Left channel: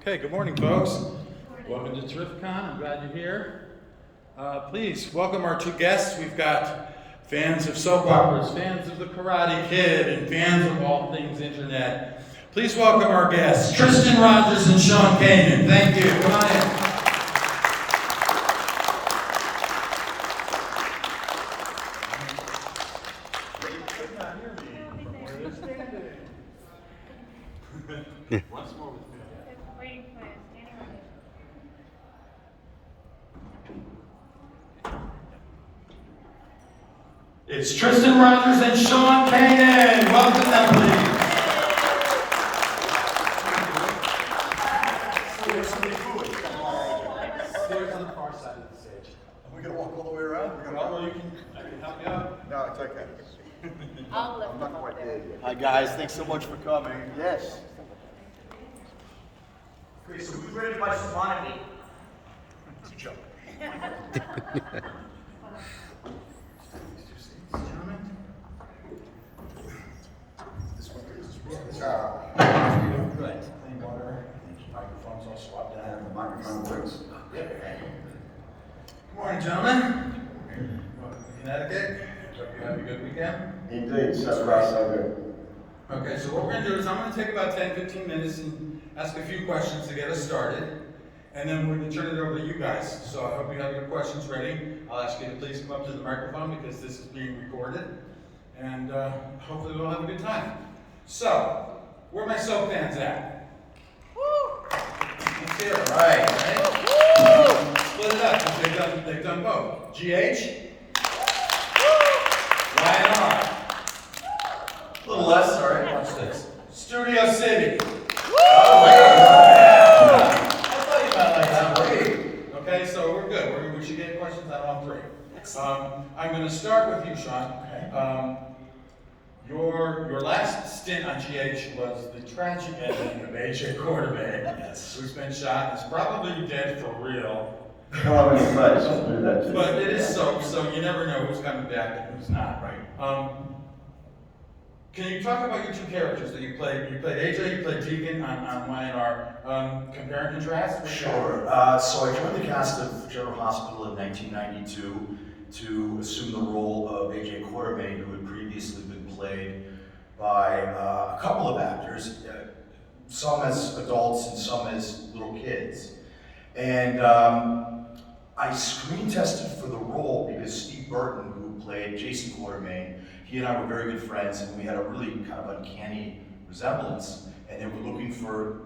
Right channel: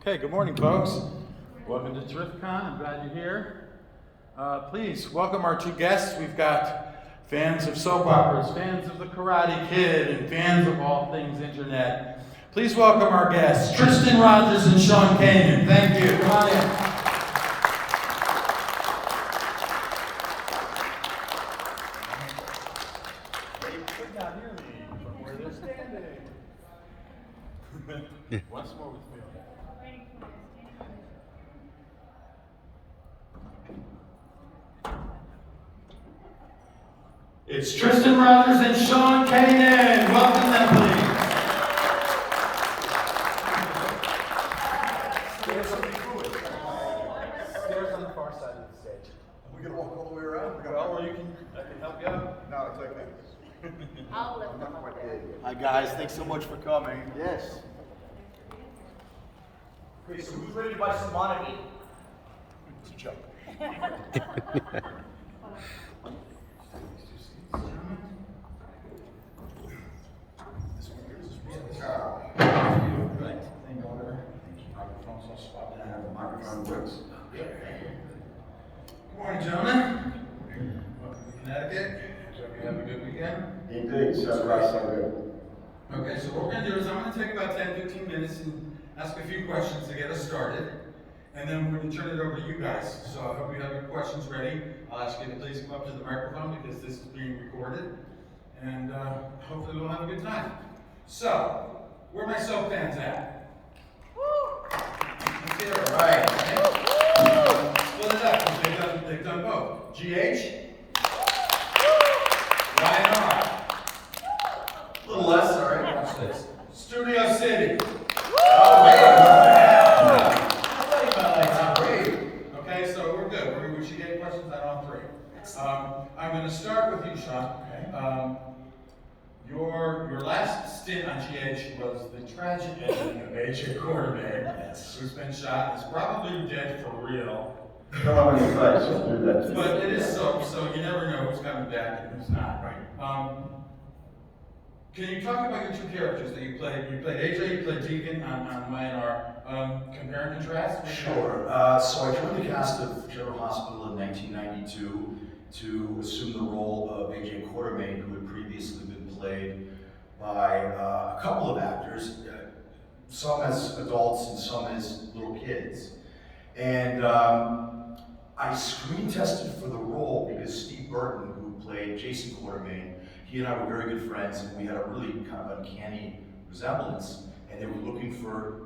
Okay, good morning, folks. Welcome to Terrificon. I'm glad you're here. Please welcome our two guests. We've got fans of soap operas, fans of the Karate Kid, and fans of all things internet. Please welcome our guests, Tristan Rogers and Sean Kanan. Thank you. Come on in. Once more with me. It's Tristan Rogers and Sean Kanan. Welcome them, please. Stewards on the far side of the stage. Are we going to walk all the way around? I can help you out. No, it's okay. I'm not quite there yet. Hi guys, thanks so much for coming. Yes. Okay, so who's ready to buy some unedited? It's a joke. This one here is Good. Clean water. Microphones all swapped out. the microphone works. Good morning, gentlemen. Welcome to Connecticut. Hope you had a good weekend. Indeed, so far so good. Okay, so what we're going to do is I'm going to take about 10-15 minutes and ask a few questions to get us started. And then we're going to turn it over to you guys. So I hope you have your questions ready. I'll ask you to please come up to the microphone because this is being recorded. And hopefully we'll have a good time. So, where are my soap fans at? Let's hear it. Right. Split it up because they've done both. GH? Y&R? A little less, sorry. Watch this. Studio City. Oh, I thought you meant like that. Great. Okay, so we're good. We should get questions on all three. I'm going to start with you, Sean. Okay. Your last stint on GH was the tragic ending of AJ Quartermain, who's been shot and is probably dead for real. Hello in the face, I'll do that too. But it is soap, so you never know who's coming back and who's not. Right. Can you talk about your two characters that you played? You played AJ, you played Deacon on Y&R. Compare and contrast? Sure. So I joined the cast of General Hospital in 1992 to assume the role of AJ Quartermain, who had previously been played by a couple of actors, some as adults and some as little kids. And I screen tested for the role because Steve Burton, who played Jason Quartermain, he and I were very good friends, and we had a really kind of uncanny resemblance. And they were looking for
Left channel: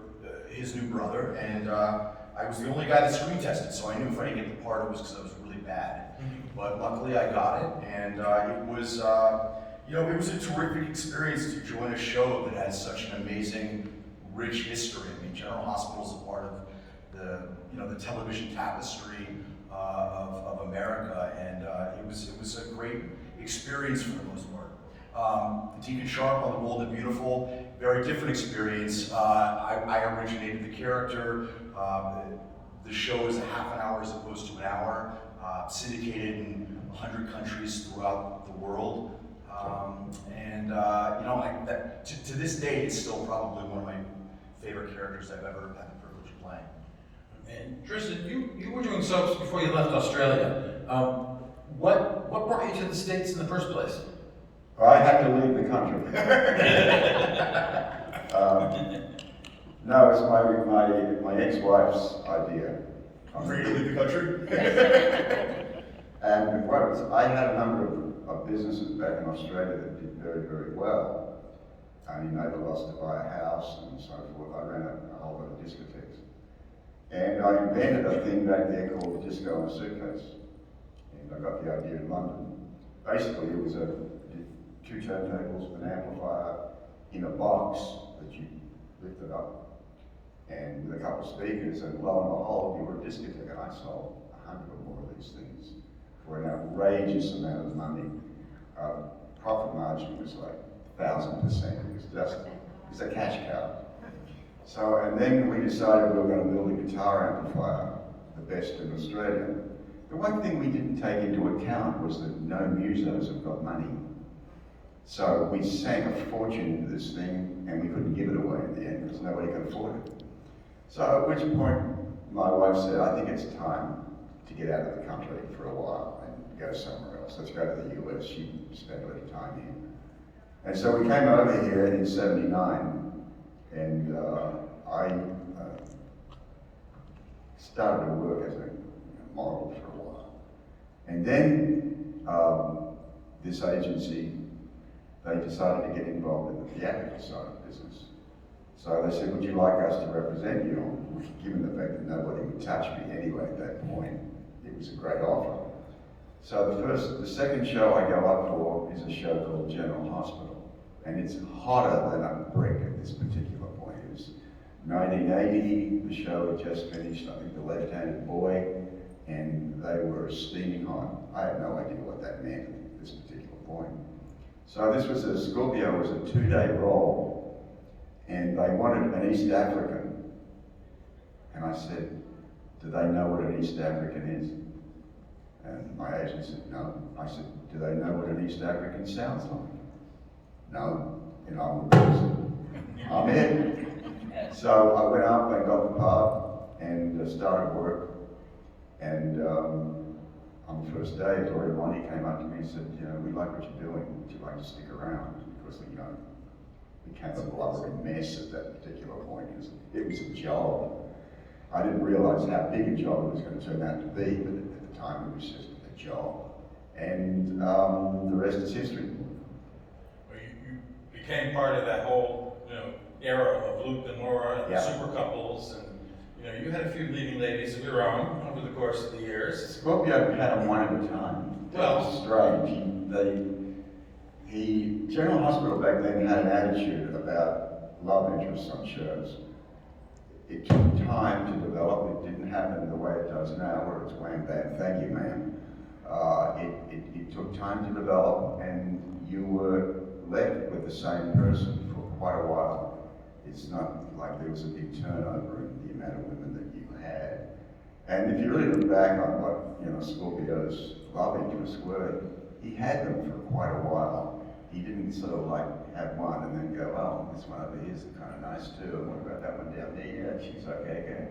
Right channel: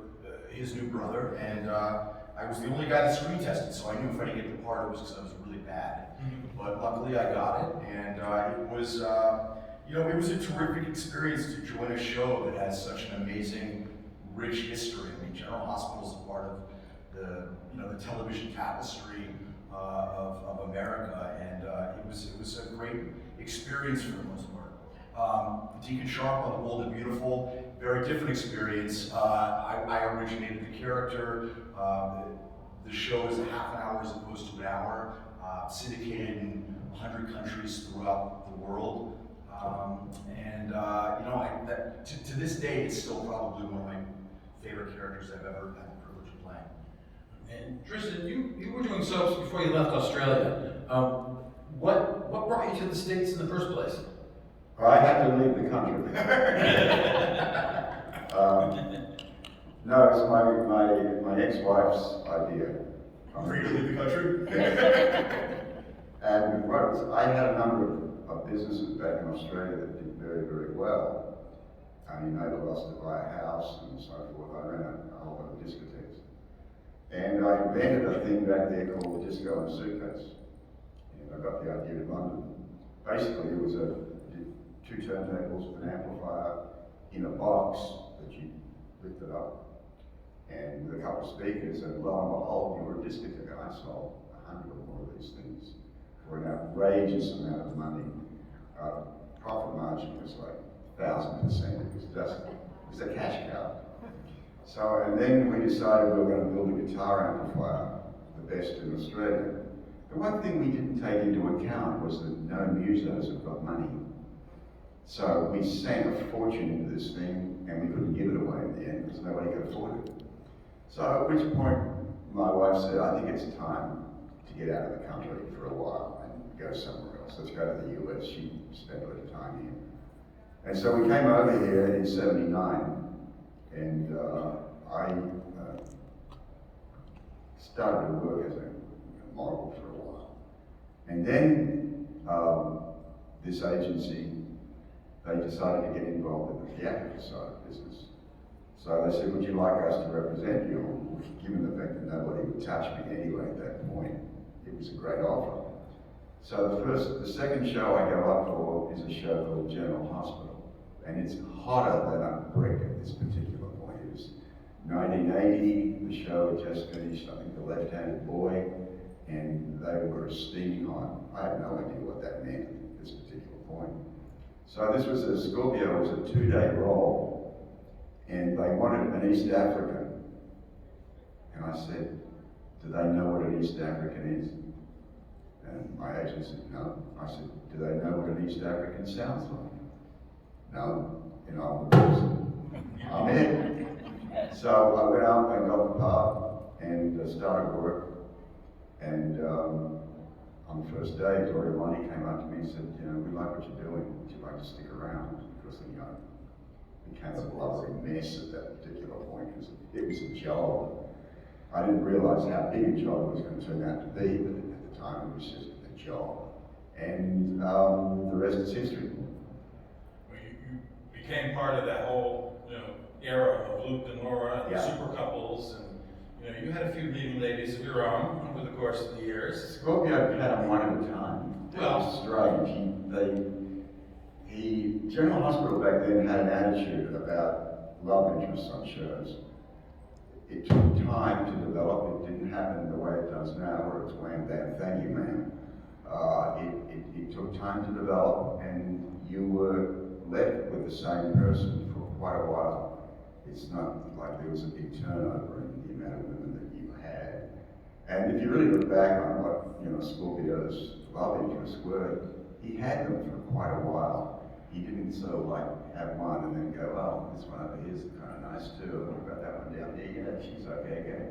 his new brother, and I was the only guy that screen tested, so I knew if I didn't get the part, it was because I was really bad. But luckily, I got it, and it was a terrific experience to join a show that has such an amazing, rich history. I mean, General Hospital is a part of the television tapestry of America, and it was a great experience for the most part. Deacon Sharp on The Bold and Beautiful, very different experience. I originated the character. The show is a half an hour as opposed to an hour, syndicated in 100 countries throughout the world. To this day, it's still probably one of my favorite characters I've ever had the privilege of playing. And Tristan, you were doing soaps before you left Australia. What brought you to the States in the first place? I had to leave the country. No, it's my ex-wife's idea. For you to leave the country? And I had a number of businesses back in Australia that did very, very well. I mean, made a loss to buy a house and so forth. I ran a whole lot of discotheques. And I invented a thing back there called Disco in a Suitcase. And I got the idea in London. Basically, it was two turntables, an amplifier in a box that you lifted up, and with a couple of speakers, and lo and behold, you were a discotheque. And I sold 100 or more of these things for an outrageous amount of money. Profit margin was like 1,000%. It was a cash cow. So, and then we decided we were going to build a guitar amplifier, the best in Australia. The one thing we didn't take into account was that no musos have got money. So we sank a fortune into this thing, and we couldn't give it away in the end because nobody could afford it. So at which point, my wife said, I think it's time to get out of the country for a while and go somewhere else. Let's go to the US. She spent a little time here. And so we came over here in '79, and I started to work as a model for a while. And then this agency, they decided to get involved in the theatrical side of business. So they said, would you like us to represent you? Given the fact that nobody would touch me anyway at that point, it was a great offer. So the second show I go up for is a show called General Hospital. And it's hotter than a brick at this particular point. It was 1980, the show had just finished, I think The Left-Handed Boy, and they were steaming hot. I had no idea what that meant at this particular point. So this was Scorpio was a 2-day role, and they wanted an East African. And I said, do they know what an East African is? And my agent said, no. I said, do they know what an East African sounds like? No. You know, I'm in. So I went up and got the part and started work. And on the first day, Gloria Monty came up to me and said, you know, we like what you're doing. Would you like to stick around? Because, you know, it became a blubbery mess at that particular point. It was a job. I didn't realize how big a job it was going to turn out to be, but at the time it was just a job. And the rest is history. Well, you became part of that whole, you know, era of Luke and Laura and the super couples, and you know, you had a few leading ladies of your own over the course of the years. Scorpio had them one at a time. That was strange. General Hospital back then had an attitude about love interests on shows. It took time to develop. It didn't happen the way it does now, where it's wham bam, thank you, ma'am. It took time to develop, and you were left with the same person for quite a while. It's not like there was a big turnover in the amount of women that you had. And if you really look back on what, you know, Scorpio's love interests were, he had them for quite a while. He didn't sort of like have one and then go, oh, this one over here is kind of nice too, and what about that one down there? Yeah, she's okay.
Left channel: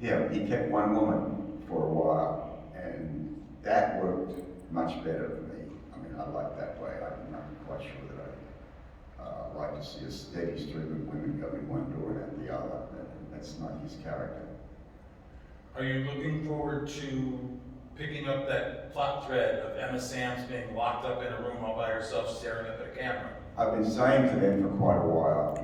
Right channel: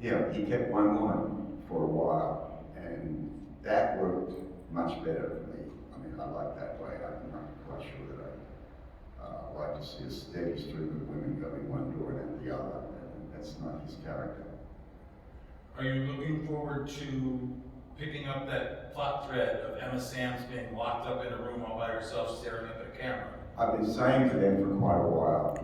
Yeah, he kept one woman for a while, and that worked much better for me. I mean, I like that way. I'm not quite sure that I like to see a steady stream of women going one door and out the other. That's not his character. Are you looking forward to picking up that plot thread of Emma Samms being locked up in a room all by herself staring up at a camera? I've been saying to them for quite a while,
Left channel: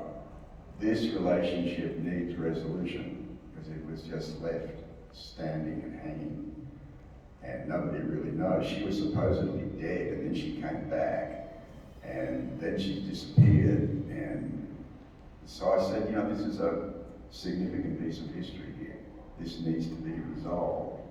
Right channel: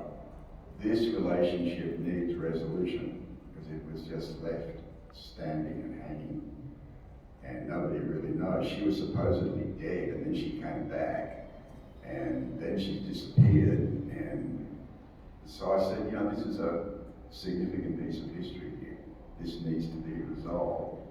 this relationship needs resolution, because it was just left standing and hanging, and nobody really knows. She was supposedly dead, and then she came back, and then she disappeared, and so I said, you know, this is a significant piece of history here. This needs to be resolved.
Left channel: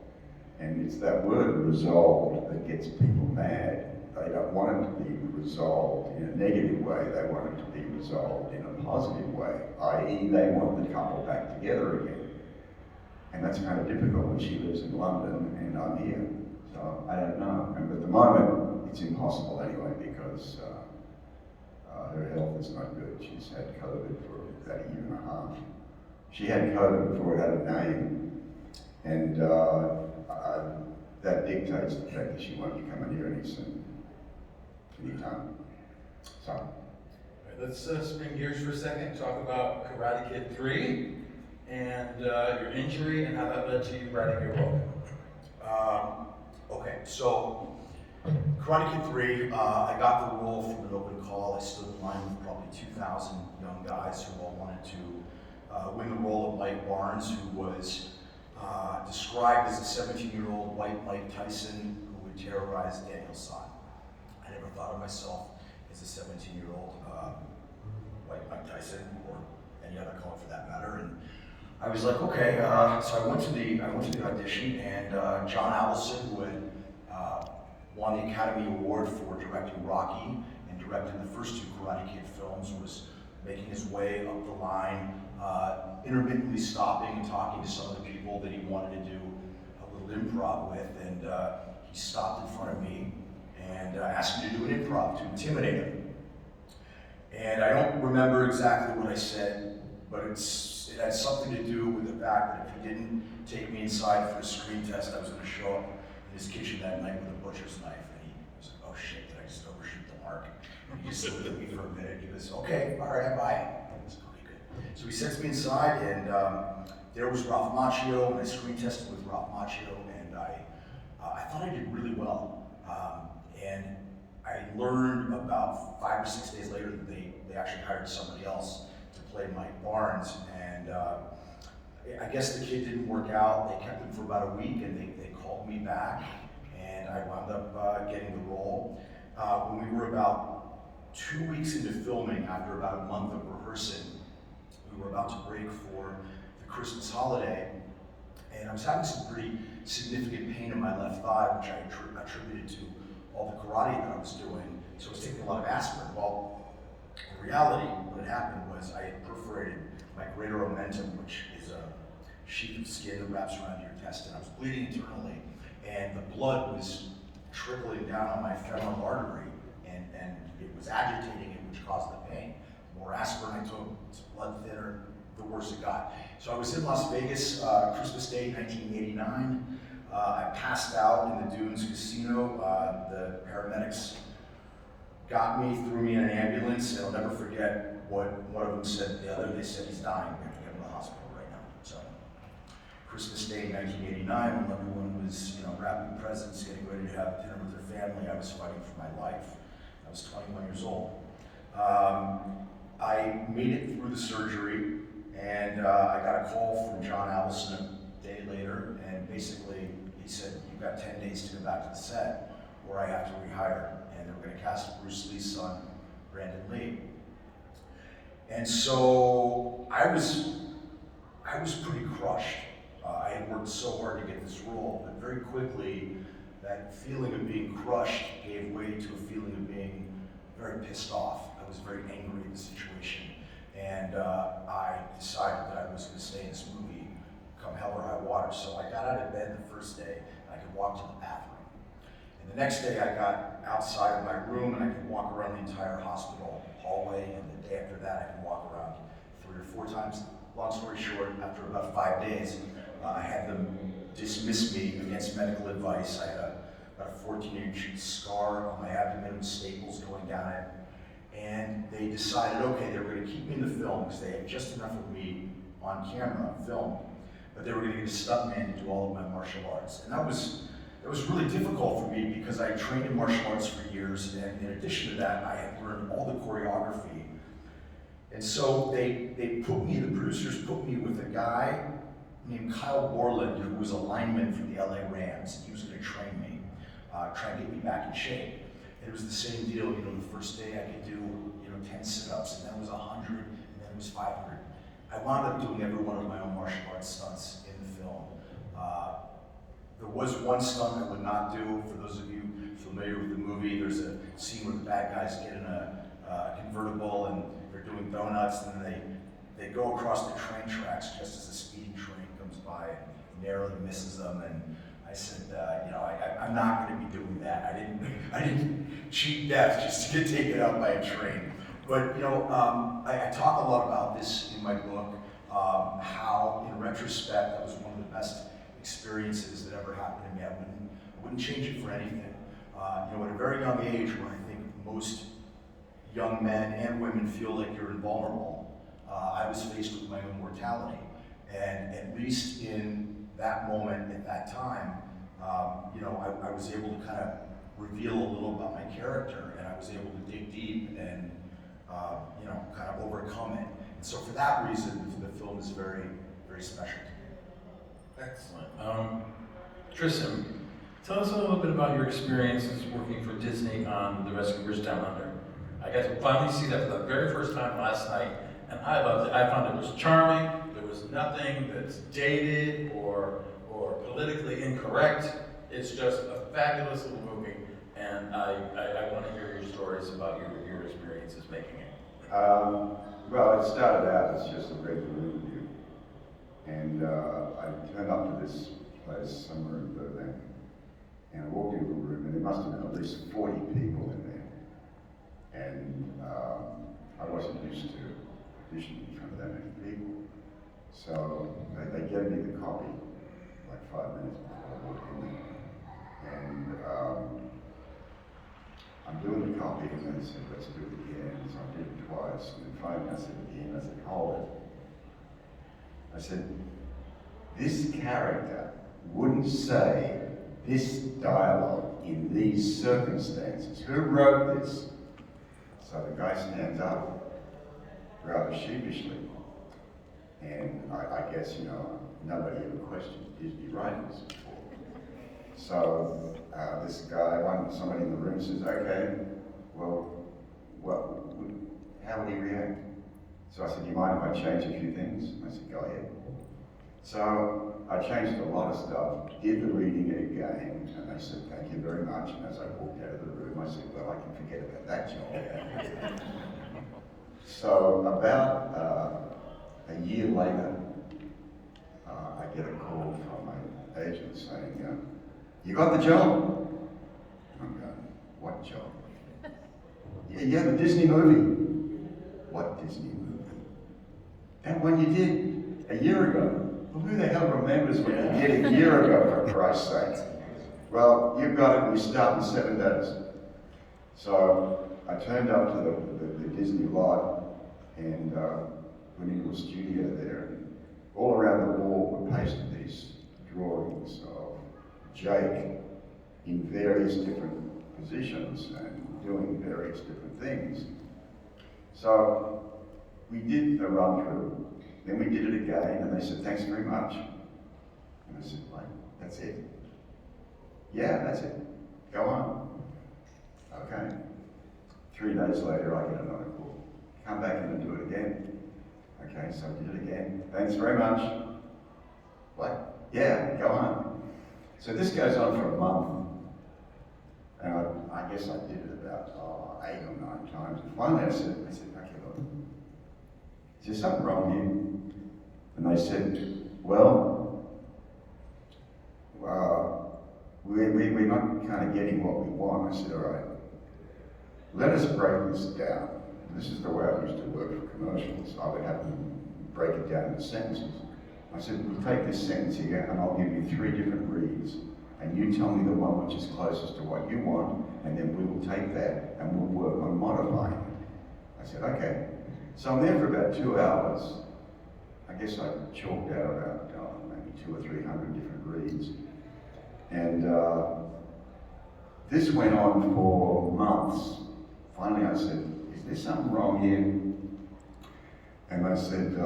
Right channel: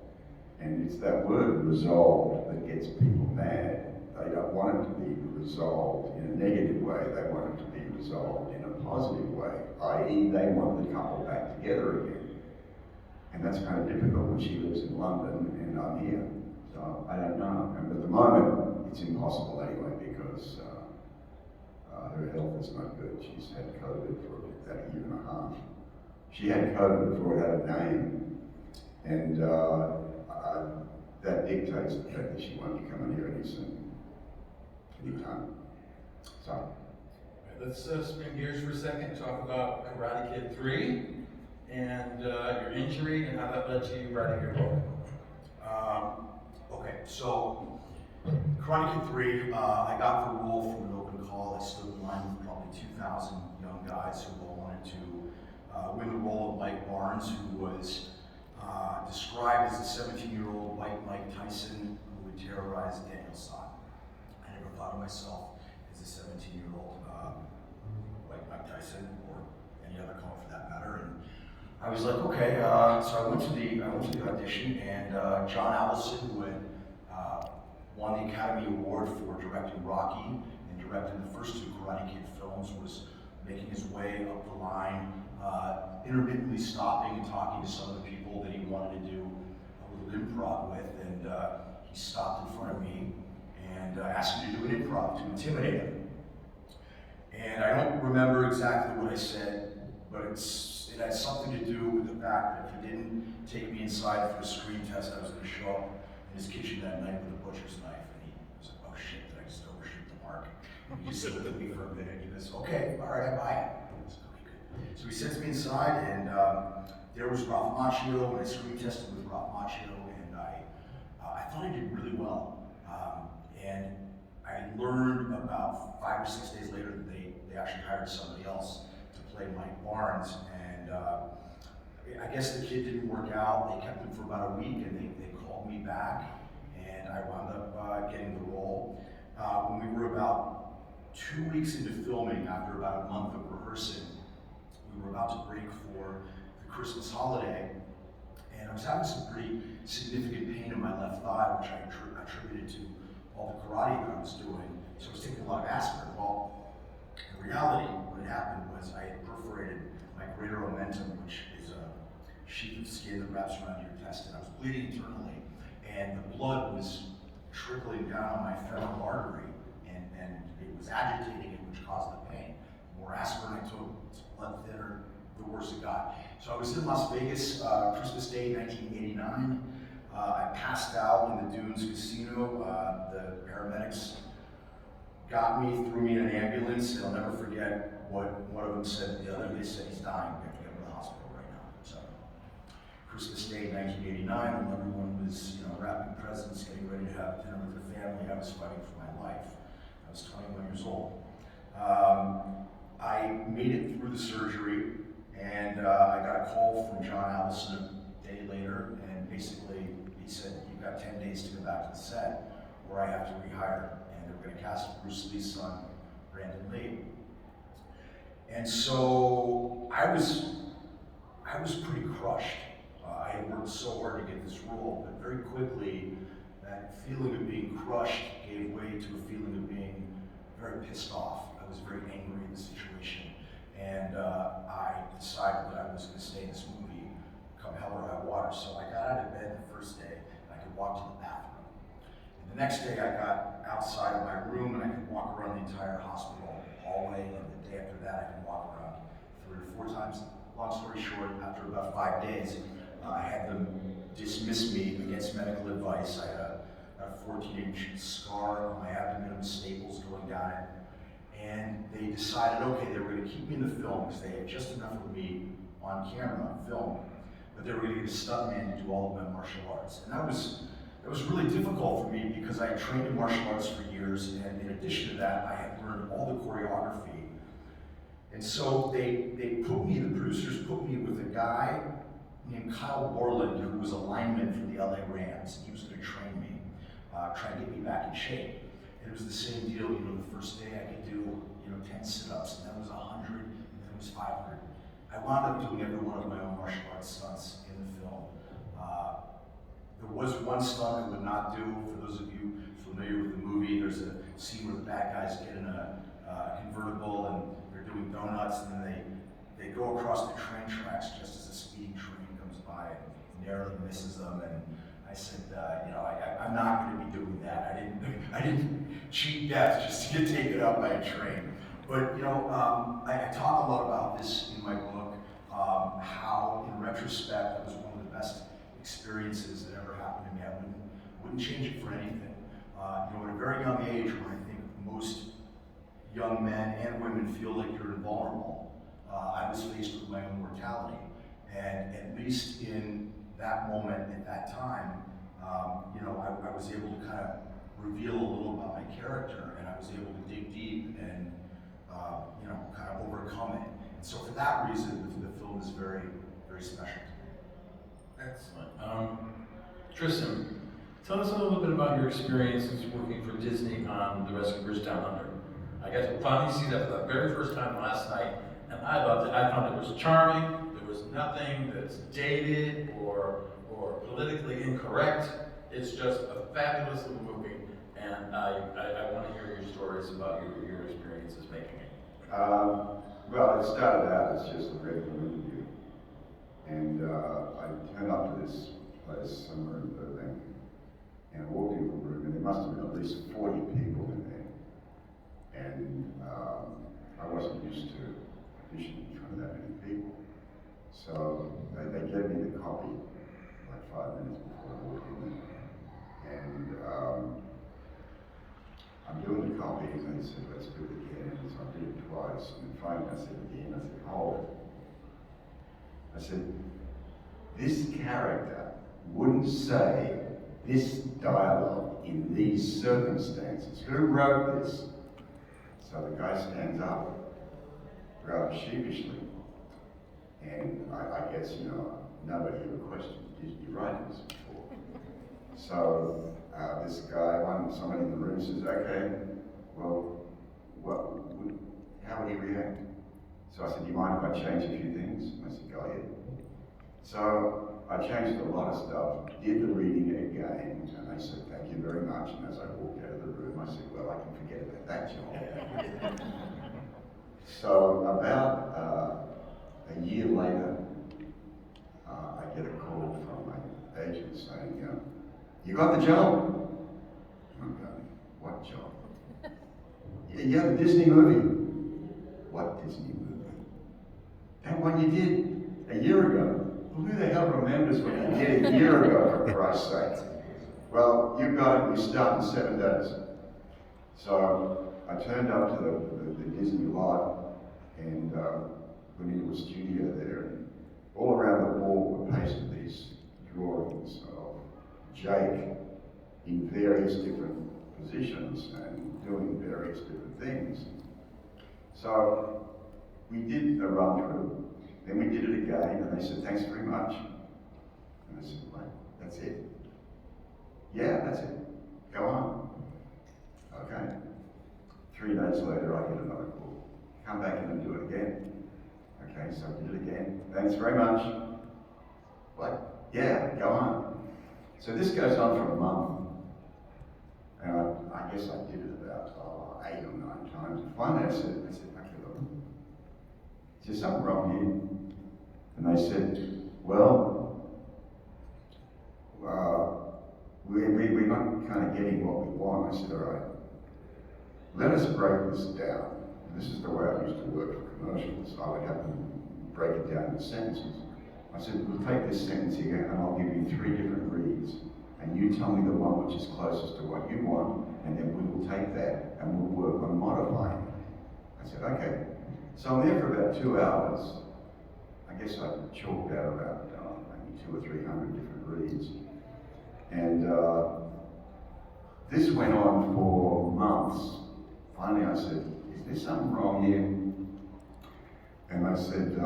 And it's that word resolved that gets people mad. They don't want it to be resolved in a negative way. They want it to be resolved in a positive way, i.e. they want the couple back together again. And that's kind of difficult when she lives in London and I'm here. So I don't know. And at the moment, it's impossible anyway, because her health is not good. She's had COVID for about a year and a half. She had COVID before it had a name. And that dictates the fact that she won't be coming here anytime. So. Let's spin gears for a second and talk about Karate Kid 3 and your injury and how that led to you writing your book. Okay, so Karate Kid 3, I got the role from an open call. I stood in line with probably 2,000 young guys who all wanted to win the role of Mike Barnes, who was described as a 17-year-old white Mike Tyson who would terrorize Daniel San. I never thought of myself as a 17-year-old white Mike Tyson, or any other color for that matter. And I was like, okay. So I went to the audition, and John Avildsen, who had won the Academy Award for directing Rocky and directed the first 2 Karate Kid films, was making his way up the line, intermittently stopping and talking to some of the people that he wanted to do a little improv with, and he stopped in front of me and asked me to do an improv to intimidate him. And I don't remember exactly what I said, but it had something to do with the fact that if he didn't take me inside for a screen test, I was going to show up in his kitchen that night with a butcher's knife, and he was like, "Oh shit, did I just overshoot the mark?" And he just looked at me for a minute. He goes, "Okay, all right, I buy it." I was like, "Okay, good." So he sends me inside, and there was Ralph Macchio, and I screen tested with Ralph Macchio, and I thought I did really well. And I learned about 5 or 6 days later that they actually hired somebody else to play Mike Barnes, and I guess the kid didn't work out. They kept him for about a week, and they called me back, and I wound up getting the role. When we were about 2 weeks into filming, after about a month of rehearsing, we were about to break for the Christmas holiday, and I was having some pretty significant pain in my left thigh, which I attributed to all the karate that I was doing. So I was taking a lot of aspirin. Well, in reality, what had happened was I had perforated my greater omentum, which is a sheath of skin that wraps around your intestine. I was bleeding internally, and the blood was trickling down my femoral artery, and it was agitating it, which caused the pain. The more aspirin I took, it's blood thinner, the worse it got. So I was in Las Vegas, Christmas Day, 1989. I passed out in the Dunes Casino. The paramedics got me, threw me in an ambulance, and I'll never forget what one of them said the other day. They said, "He's dying, we have to get him to the hospital right now." So, Christmas Day, 1989, when everyone was, wrapping presents, getting ready to have dinner with their family, I was fighting for my life. I was 21 years old. I made it through the surgery, and I got a call from John Allison a day later, and basically he said, "You've got 10 days to go back to the set, or I have to rehire." And they were going to cast Bruce Lee's son, Brandon Lee. And so I was pretty crushed. I had worked so hard to get this role, but very quickly that feeling of being crushed gave way to a feeling of being very pissed off. I was very angry at the situation, and I decided that I was going to stay in this movie come hell or high water. So I got out of bed the first day, and I could walk to the bathroom. And the next day I got outside of my room, and I could walk around the entire hospital hallway, and the day after that I could walk around 3 or 4 times. Long story short, after about 5 days, I had them dismiss me against medical advice. I had about a 14-inch scar on my abdomen with staples going down it. And they decided, okay, they were going to keep me in the film because they had just enough of me on camera, film, but they were going to get a stuntman to do all of my martial arts. And that was really difficult for me because I had trained in martial arts for years, and in addition to that, I had learned all the choreography. And so the producers put me with a guy named Kyle Borland, who was a lineman for the LA Rams. He was going to train me, try and get me back in shape. And it was the same deal, the first day I could do, 10 sit-ups, and then it was 100, and then it was 500. I wound up doing every one of my own martial arts stunts in the film. There was one stunt I would not do. For those of you familiar with the movie, there's a scene where the bad guys get in a convertible and they're doing donuts, and then they go across the train tracks just as a speeding train comes by and narrowly misses them. And I said, I'm not going to be doing that. I didn't cheat death just to get taken out by a train. But I talk a lot about this in my book, how in retrospect that was one of the best experiences that ever happened to me. I wouldn't change it for anything. At a very young age, when I think most young men and women feel like you're invulnerable, I was faced with my own mortality. And at least in that moment, at that time, I was able to kind of reveal a little about my character, and I was able to dig deep and kind of overcome it. And so for that reason, the film is very, very special to me. Excellent. Tristan, tell us a little bit about your experiences working for Disney on The Rescue Bridge Down Under. I got to finally see that for the very first time last night, and I loved it. I found it was charming. There was nothing that's dated or politically incorrect. It's just a fabulous little movie, and I want to hear your stories about your experiences making it. Well, it started out as just a regular interview, and I turned up to this place somewhere in Berlin, and I walked into a room, and there must have been at least 40 people in there, and I wasn't used to auditioning in front of that many people. twice, and then finally I said again, I said, hold it. I said, this character wouldn't say this dialogue in these circumstances. Who wrote this? So the guy stands up, rather sheepishly, and I guess, you know, nobody ever questioned Disney writers before. So this guy, somebody in the room says, okay, well, how would he react? So I said, do you mind if I change a few things? I said, go ahead. So I changed a lot of stuff, did the reading again, and they said, thank you very much. And as I walked out of the room, I said, well, I can forget about that job. So about a year later, I get a call from my agent saying, you got the job? I'm going, what job? Yeah, you have a Disney movie. What Disney movie? That one you did a year ago. Well, who the hell remembers what you did a year ago, for Christ's sake? Well, you've got it, we start in 7 days. So I turned up to the Disney lot and went into a studio there. And all around the wall were pasted these drawings of Jake in various different positions and doing various different things. So we did a run through, then we did it again, and they said, thanks very much. And I said, right, that's it? Yeah, that's it. Go on. Okay. 3 days later, I get another call. Come back in and do it again. Okay, so I did it again. Thanks very much. What? Yeah, go on. So this goes on for a month. And I guess I did it about 8 or 9 times. And finally I said, okay, look, is there something wrong here? And they said, well, we're not kind of getting what we want. I said, all right, let us break this down. And this is the way I used to work for commercials. I would have them break it down into sentences. I said, we'll take this sentence here and I'll give you 3 different reads. And you tell me the one which is closest to what you want, and then we will take that and we'll work on modifying it. I said, okay. So I'm there for about 2 hours. I guess I chalked out about maybe 200 or 300 different reads. And this went on for months. Finally I said, is there something wrong here? And I said,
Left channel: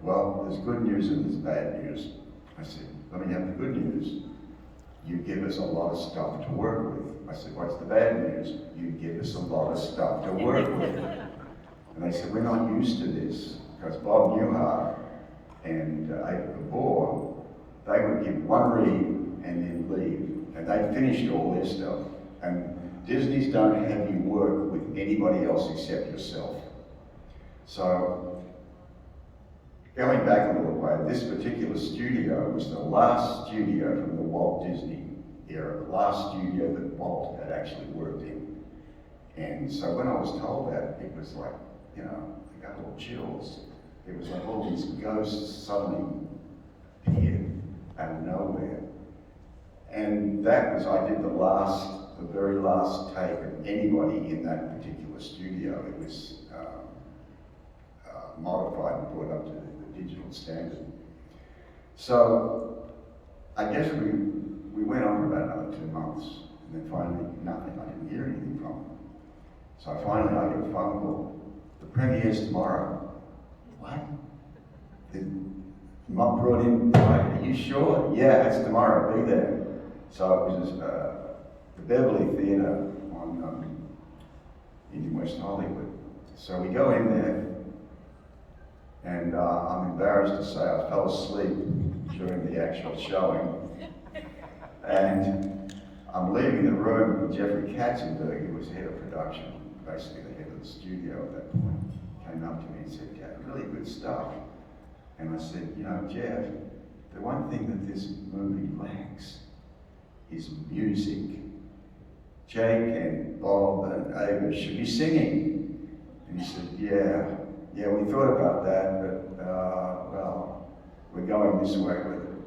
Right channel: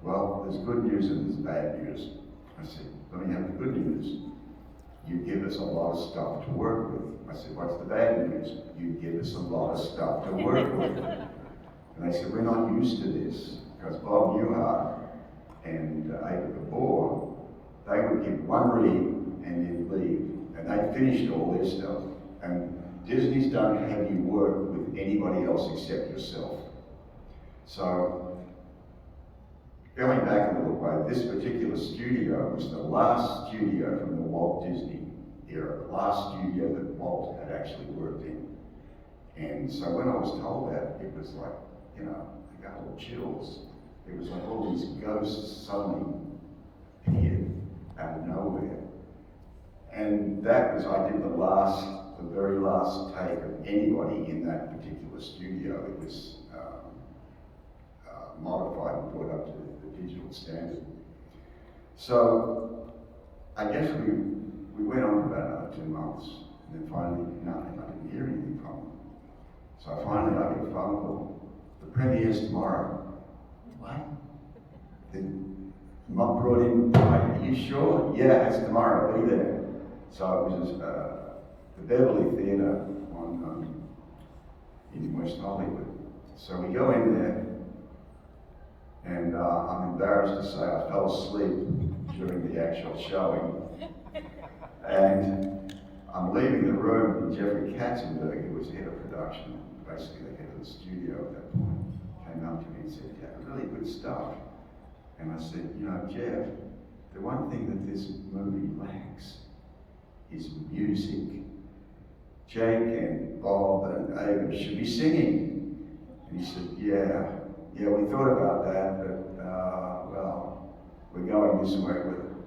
well, there's good news and there's bad news. I said, let me have the good news. You give us a lot of stuff to work with. I said, what's the bad news? You give us a lot of stuff to work with. And they said, we're not used to this. Because Bob Newhart and Ava Gabor, they would give 1 read and then leave. And they finished all their stuff. And Disney's don't have you work with anybody else except yourself. So, going back a little way, this particular studio was the last studio from the Walt Disney era, the last studio that Walt had actually worked in. And so when I was told that, it was like, you know, I got all chills. It was like all these ghosts suddenly appeared out of nowhere. And that was, I did the very last take of anybody in that particular studio. It was modified and brought up to the digital standard. So I guess we went on for about another 2 months, and then finally nothing. I didn't hear anything from them. So finally I get a phone call. The premiere's tomorrow. What? Not brought in tonight. Are you sure? Yeah, it's tomorrow. Be there. So it was the Beverly Theatre in West Hollywood. So we go in there, and I'm embarrassed to say I fell asleep during the actual showing. And I'm leaving the room, and Jeffrey Katzenberg, who was head of production, basically the head of the studio at that point, came up to me and said, "Yeah, really good stuff." And I said, "You know, Jeff, the one thing that this movie lacks is music. Jake and Bob and Ava should be singing." And he said, yeah, we thought about that, but well, we're going this way with it.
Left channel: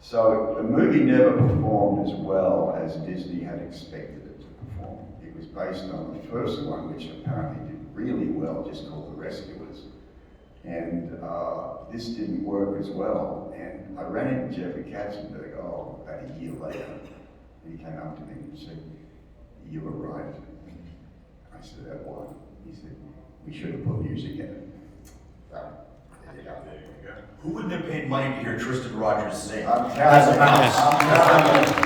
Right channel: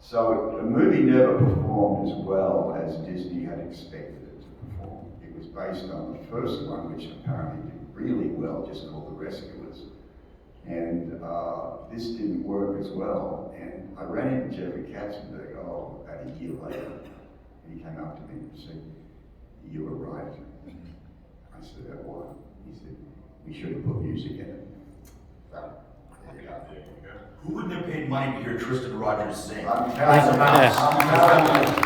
So the movie never performed as well as Disney had expected it to perform. It was based on the first one, which apparently did really well, just called The Rescuers. And this didn't work as well. And I ran into Jeffrey Katzenberg, about a year later, and he came up to me and said, "You were right." I said, "That one." He said, "We should have put music in it." Well, there you go. Who wouldn't have paid money to hear Tristan Rogers sing? I'm proud of Mouse. I'm proud of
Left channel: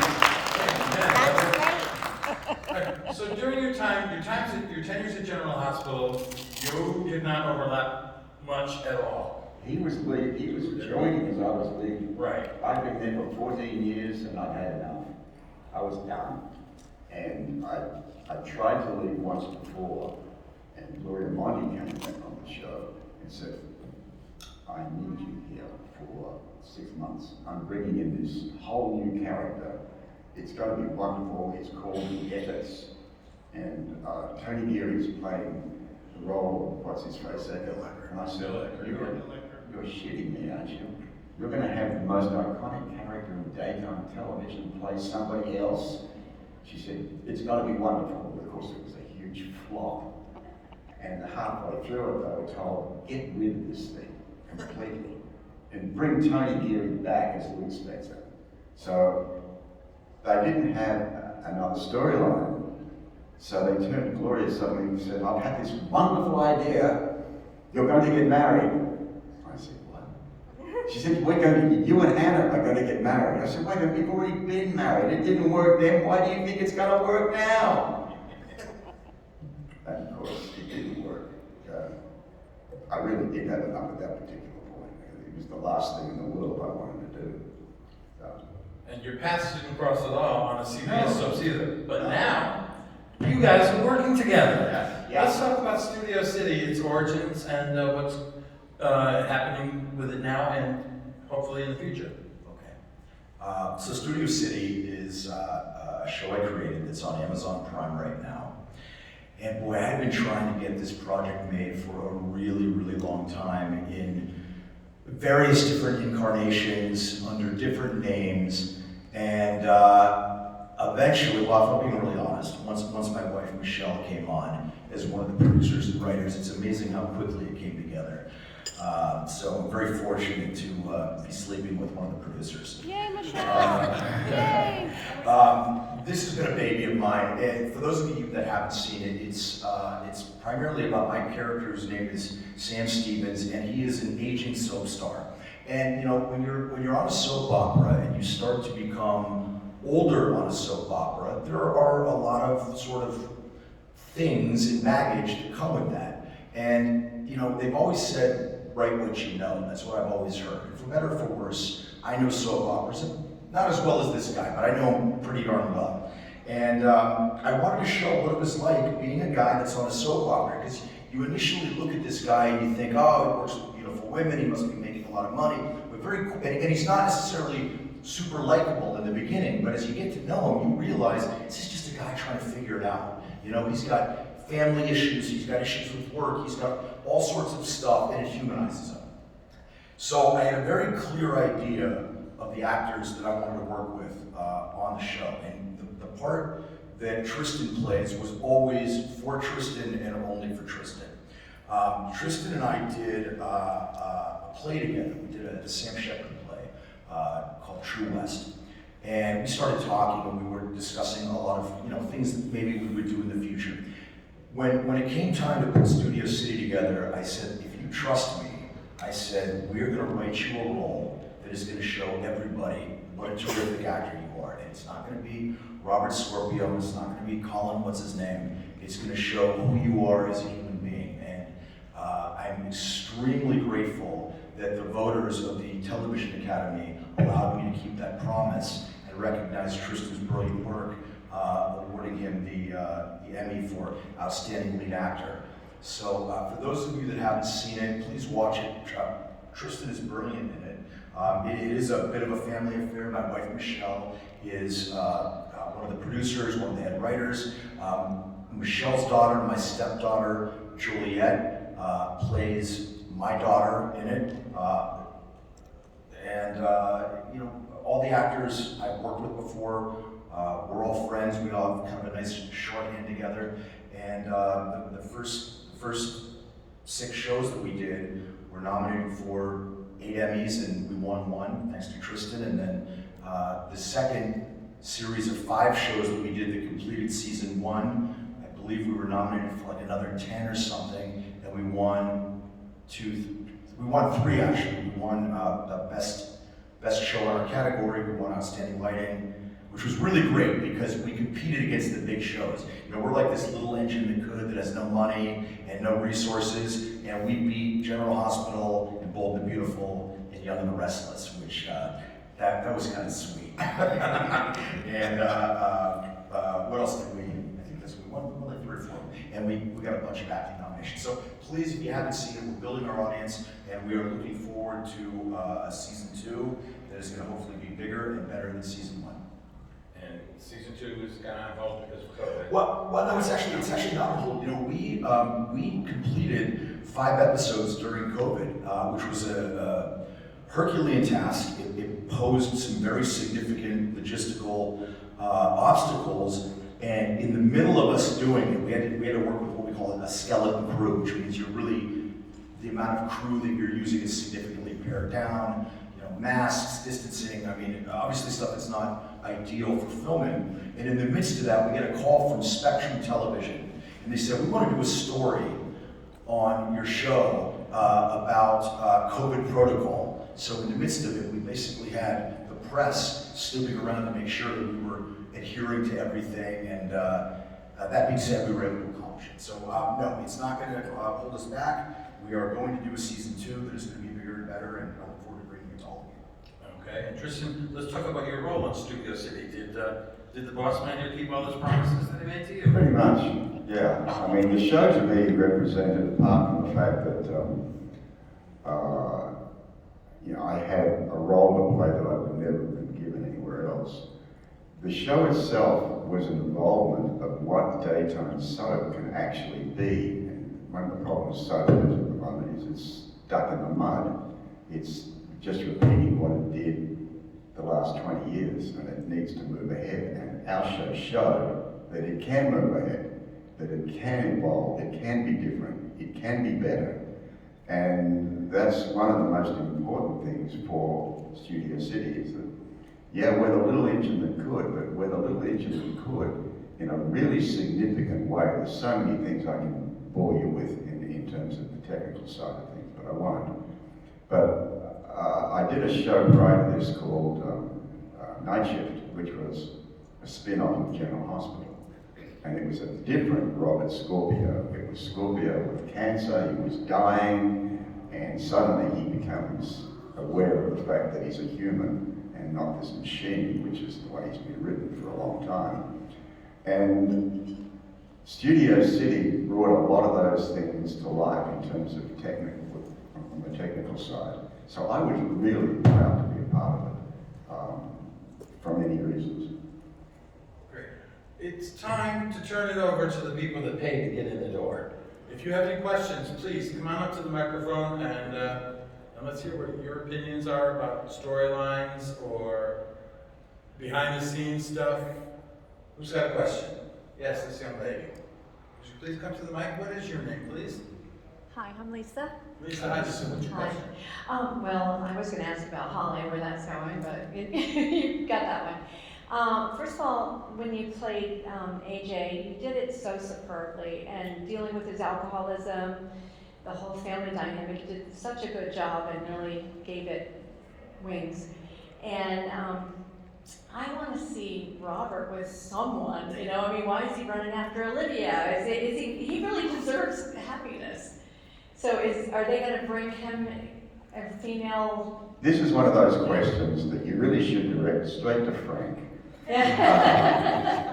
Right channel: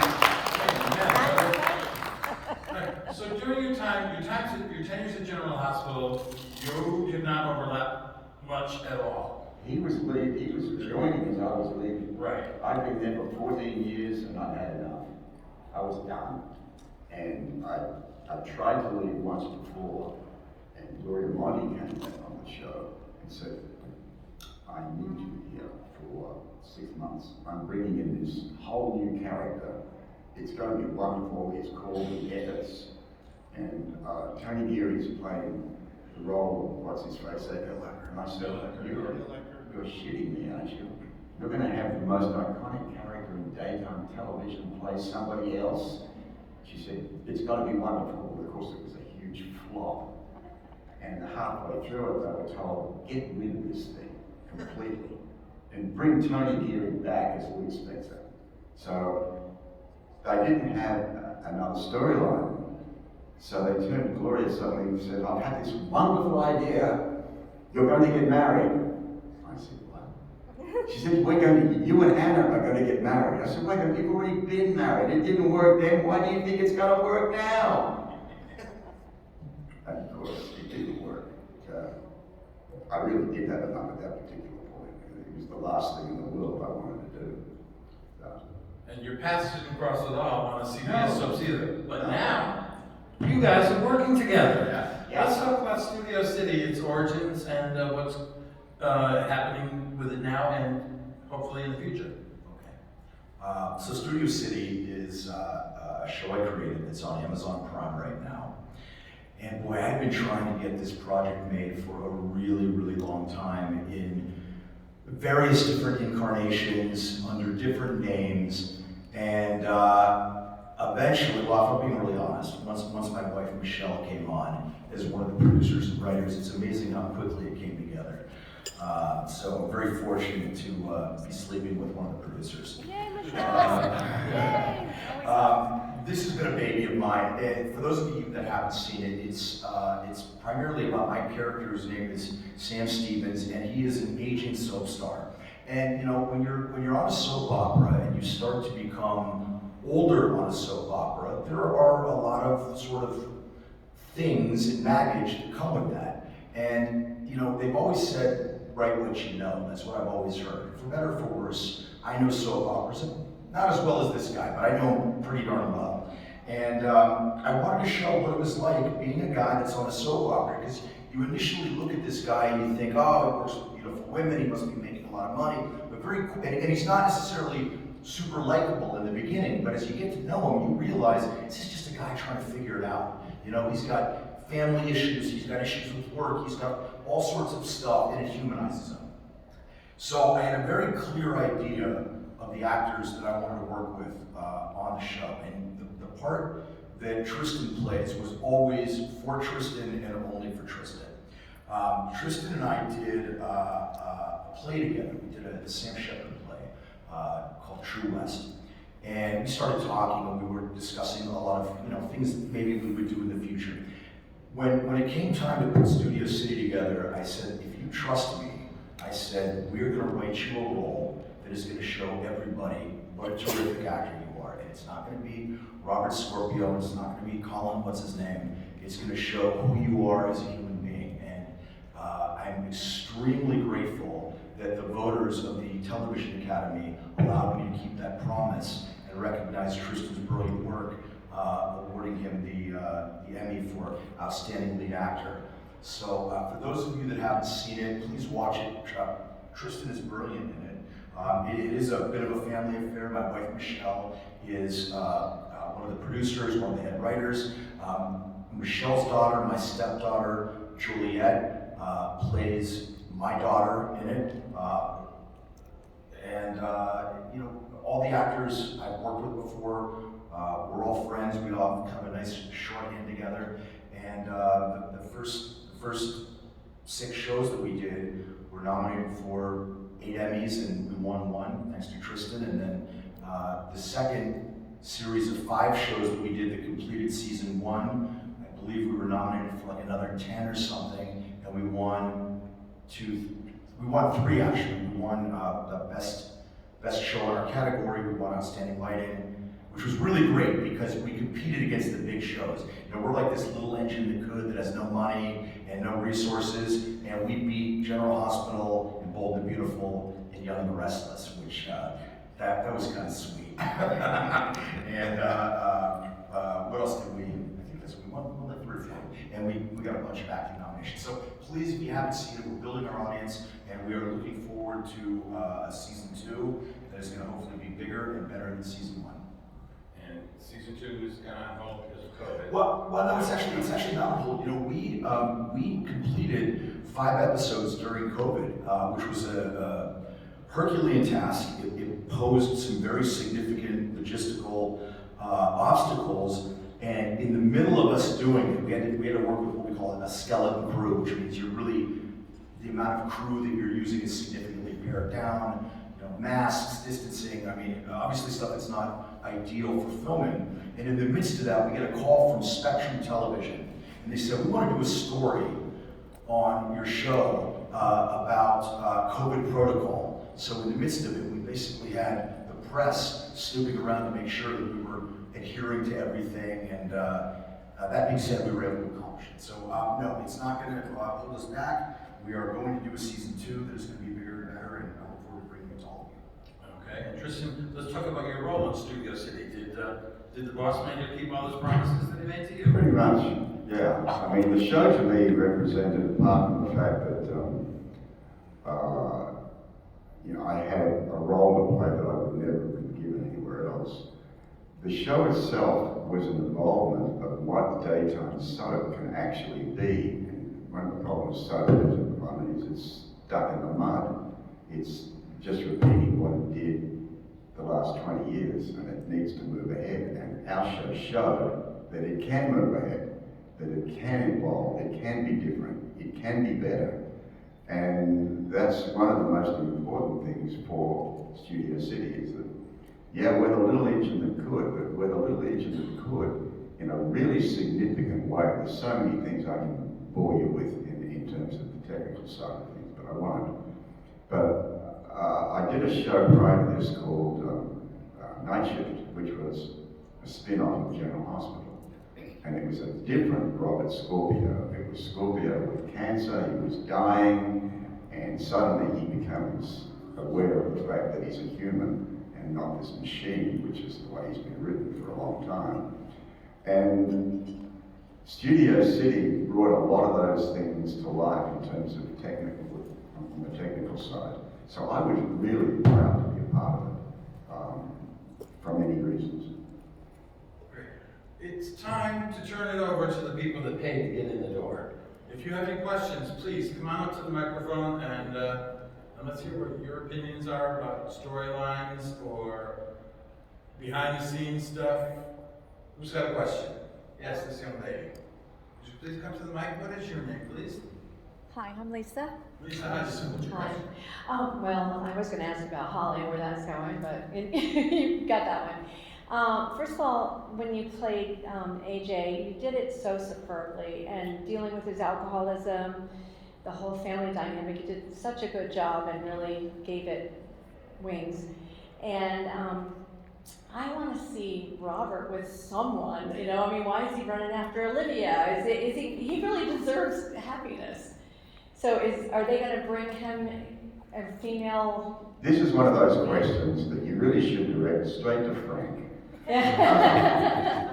Alright, so during your tenures at General Hospital, you did not overlap much at all. He was joining as I was leaving. Right. I'd been there for 14 years and I'd had enough. I was done. And I tried to leave once before, and Gloria Monty came back on the show and said, "I need you here for 6 months. I'm bringing in this whole new character. It's going to be wonderful. It's called The Ethics." And Tony Geary's playing the role of, what's his face, and I said, you're shitting me, aren't you? You're going to have the most iconic character in daytime television play somebody else? She said, "It's got to be wonderful." But of course, it was a huge flop. And halfway through it, they were told, "Get rid of this thing completely and bring Tony Geary back as Louis Spencer." So they didn't have another storyline. So they turned to Gloria suddenly and said, "I've had this wonderful idea. You're going to get married." I said, "What?" She said, "You and Anna are going to get married." I said, "Wait a minute, you've already been married. It didn't work then. Why do you think it's going to work now?" And of course, it didn't work. I really did have enough at that particular point. It was the last thing in the world I wanted to do. And your paths didn't cross at all on a CBS subs either. But now, you guys are working together. Yeah. Let's talk about Studio City, its origins, and what's happening with it now and hopefully in the future. Okay. So Studio City is a show I created that's on Amazon Prime right now. And boy, I had been trying to get this project made for a really, really long time in various different incarnations, under different names. And eventually, well, if I'm being really honest, once my wife Michelle came on as one of the producers and writers, it's amazing how quickly it came together. So I'm very fortunate to be sleeping with one of the producers. Yay, Michelle! This has been a baby of mine. And for those of you that haven't seen it, it's primarily about my character, whose name is Sam Stevens, and he is an aging soap star. And you know, when you're on a soap opera and you start to become older on a soap opera, there are a lot of sort of things and baggage that come with that. And you know, they've always said, write what you know. That's what I've always heard. For better or for worse, I know soap operas, not as well as this guy, but I know him pretty darn well. And I wanted to show what it was like being a guy that's on a soap opera, because you initially look at this guy and you think, oh, he works with beautiful women, he must be making a lot of money, but and he's not necessarily super likable in the beginning, but as you get to know him, you realize this is just a guy trying to figure it out. You know, he's got family issues, he's got issues with work, he's got all sorts of stuff, and it humanizes him. So I had a very clear idea of the actors that I wanted to work with on the show, and the part that Tristan plays was always for Tristan and only for Tristan. Tristan and I did a play together. We did a Sam Shepard play called True West. And we started talking and we were discussing a lot of things that maybe we would do in the future. When it came time to put Studio City together, I said, if you trust me, I said, we're going to write you a role that is going to show everybody what a terrific actor you are. And it's not going to be Robert Scorpio, it's not going to be Colin, what's his name. It's going to show who you are as a human being. And I'm extremely grateful that the voters of the Television Academy allowed me to keep that promise and recognize Tristan's brilliant work, awarding him the Emmy for Outstanding Lead Actor. So for those of you that haven't seen it, please watch it. Tristan is brilliant in it. It is a bit of a family affair. My wife Michelle is one of the producers, one of the head writers. Michelle's daughter, my stepdaughter, Juliet, plays my daughter in it. All the actors I've worked with before, we're all friends. We all have kind of a nice shorthand together. And the first 6 shows that we did were nominated for 8 Emmys, and we won 1, thanks to Tristan. And then the second series of 5 shows that we did that completed season 1, I believe we were nominated for like another 10 or something, and we won 3 actually. We won the best show in our category, we won Outstanding Lighting, which was really great because we competed against the big shows. You know, we're like this little engine that has no money and no resources, and we beat General Hospital and Bold and Beautiful and Young and the Restless, which that was kind of sweet. And what else did we? I think we won like 3 or 4, and we got a bunch of acting nominations. So please, if you haven't seen it, we're building our audience, and we are looking forward to a season 2 that is going to hopefully be bigger and better than season 1. And season 2 is kind of held because of COVID. Well, no, it's actually not on hold. You know, we completed 5 episodes during COVID, which was a Herculean task. It posed some very significant logistical obstacles, and in the middle of us doing it, we had to work with what we call a skeleton crew, which means the amount of crew that you're using is significantly pared down. You know, masks, distancing. I mean, obviously stuff that's not ideal for filming. And in the midst of that, we get a call from Spectrum Television, and they said, we want to do a story on your show about COVID protocol. So in the midst of it, we basically had the press snooping around to make sure that we were adhering to everything, and that being said, we were able to accomplish it. So no, it's not going to hold us back. We are going to do a season 2 that is going to be bigger and better, and I look forward to bringing it to all of you. Okay, and Tristan, let's talk about your role on Studio City. Did the boss man here keep all those promises that he made to you? Pretty much, yeah. I mean, the show to me represented, apart from the fact that, you know, I had a role to play that I would never have been given anywhere else. The show itself was an involvement of what daytime soap can actually be. And one of the problems soap has at the moment is it's stuck in the mud. It's just repeating what it did the last 20 years, and it needs to move ahead. And our show showed that it can move ahead, that it can evolve, it can be different, it can be better. And that's one of the most important things for Studio City is that, yeah, we're the little engine that could, but we're the little engine that could in a really significant way. There's so many things I can bore you with in terms of the technical side of things, but I won't. But I did a show prior to this called Night Shift, which was a spin-off of General Hospital. And it was a different Robert Scorpio. It was Scorpio with cancer, he was dying, and suddenly he becomes aware of the fact that he's a human and not this machine, which is the way he's been written for a long time. And Studio City brought a lot of those things to life in terms of on the technical side. So I was really proud to be a part of it, for many reasons. Great. It's time to turn it over to the people that pay to get in the door. If you have any questions, please come on up to the microphone and let's hear what your opinions are about storylines or behind the scenes stuff. Who's got a question? Yes, this young lady. Would you please come to the mic? What is your name, please? Hi, I'm Lisa. Lisa, hi, so what's your question? Well, I was going to ask about Holly and where that's going, but you got that one. First of all, when you played AJ, you did it so superbly, and dealing with his alcoholism, the whole family dynamic, you did such a good job and really gave it wings. And I want to see Robert with someone, you know, I mean, why is he running after Olivia? He really deserves happiness. So are they going to bring him a female? This is one of those questions that you really should direct straight to Frank.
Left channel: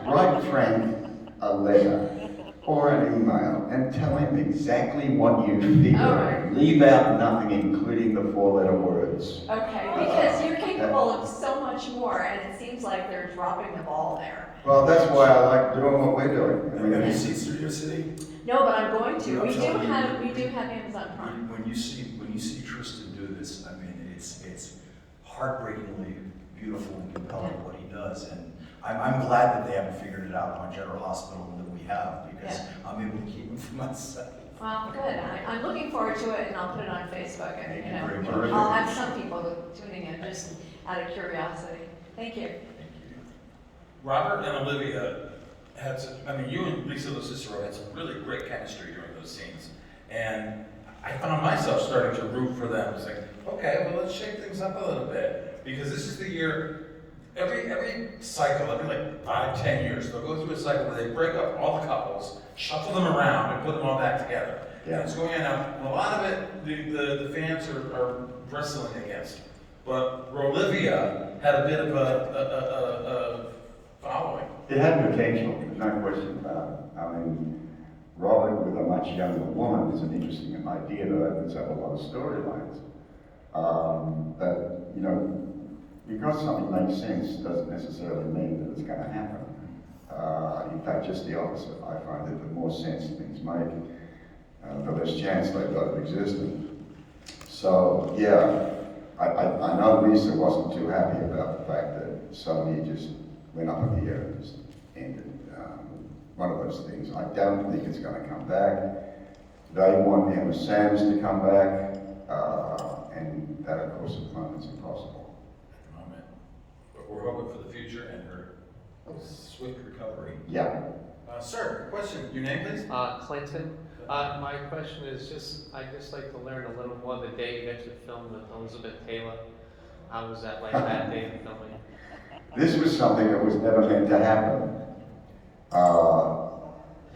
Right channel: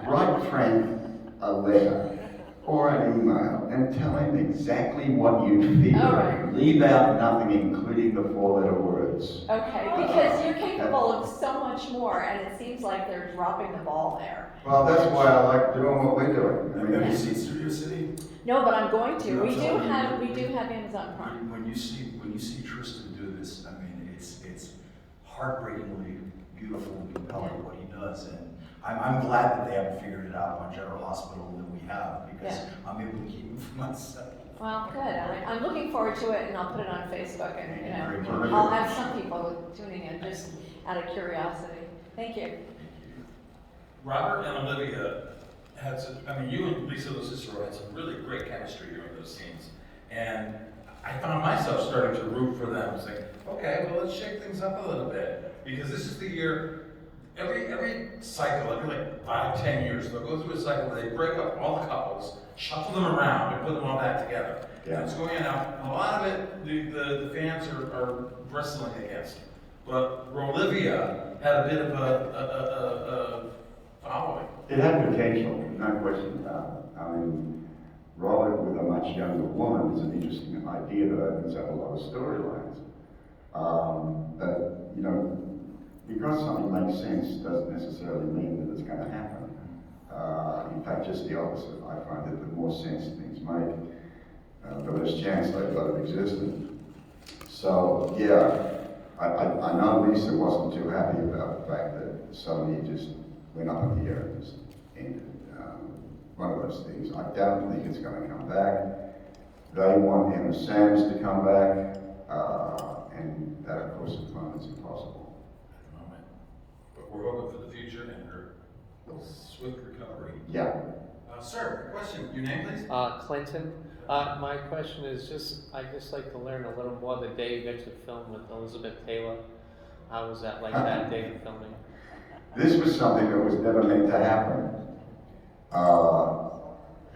Write Frank a letter or an email and tell him exactly what you feel. All right. Leave out nothing, including the 4-letter words. Okay, because you're capable of so much more, and it seems like they're dropping the ball there. Well, that's why I like doing what we're doing. I mean, Have you seen Studio City? No, but I'm going to. No, I'm We do telling you. have Amazon Prime. When you see Tristan do this, I mean, it's heartbreakingly beautiful and compelling what he does, and I'm glad that they haven't figured it out on General Hospital and that we have, because Yeah. I'm able to keep him for myself. Well, good. I'm looking forward to it, and I'll put it on Facebook, and, Very much. I'll have some people tuning in, just out of curiosity. Thank you. Robert and Olivia had some, I mean, you and Lisa Cicero had some really great chemistry during those scenes. And I found myself starting to root for them. I was like, okay, well, let's shake things up a little bit. Because this is the year, every cycle, every like 5, 10 years, they'll go through a cycle where they break up all the couples, shuffle them around, and put them all back together. Yeah. And it's going on. Now, a lot of it, the fans are wrestling against. But Olivia had a bit of a following. It had potential, no question about it. I mean, Robert with a much younger woman is an interesting idea that opens up a lot of storylines. But, you know, because something makes sense doesn't necessarily mean that it's going to happen. In fact, just the opposite. I find that the more sense things make, the less chance they've got of existing. So, yeah, I know Lisa wasn't too happy about the fact that suddenly it just went up in the air and just ended. One of those things. I don't think it's going to come back. They want Emma Sanders to come back, and that, of course, at the moment is impossible. Moment. But we're hoping for the future and her swift recovery. Yeah. Sir, question. Your name, please? Clinton. My question is I'd just like to learn a little more the day you got to film with Elizabeth Taylor. How was that like that day of filming? This was something that was never meant to happen.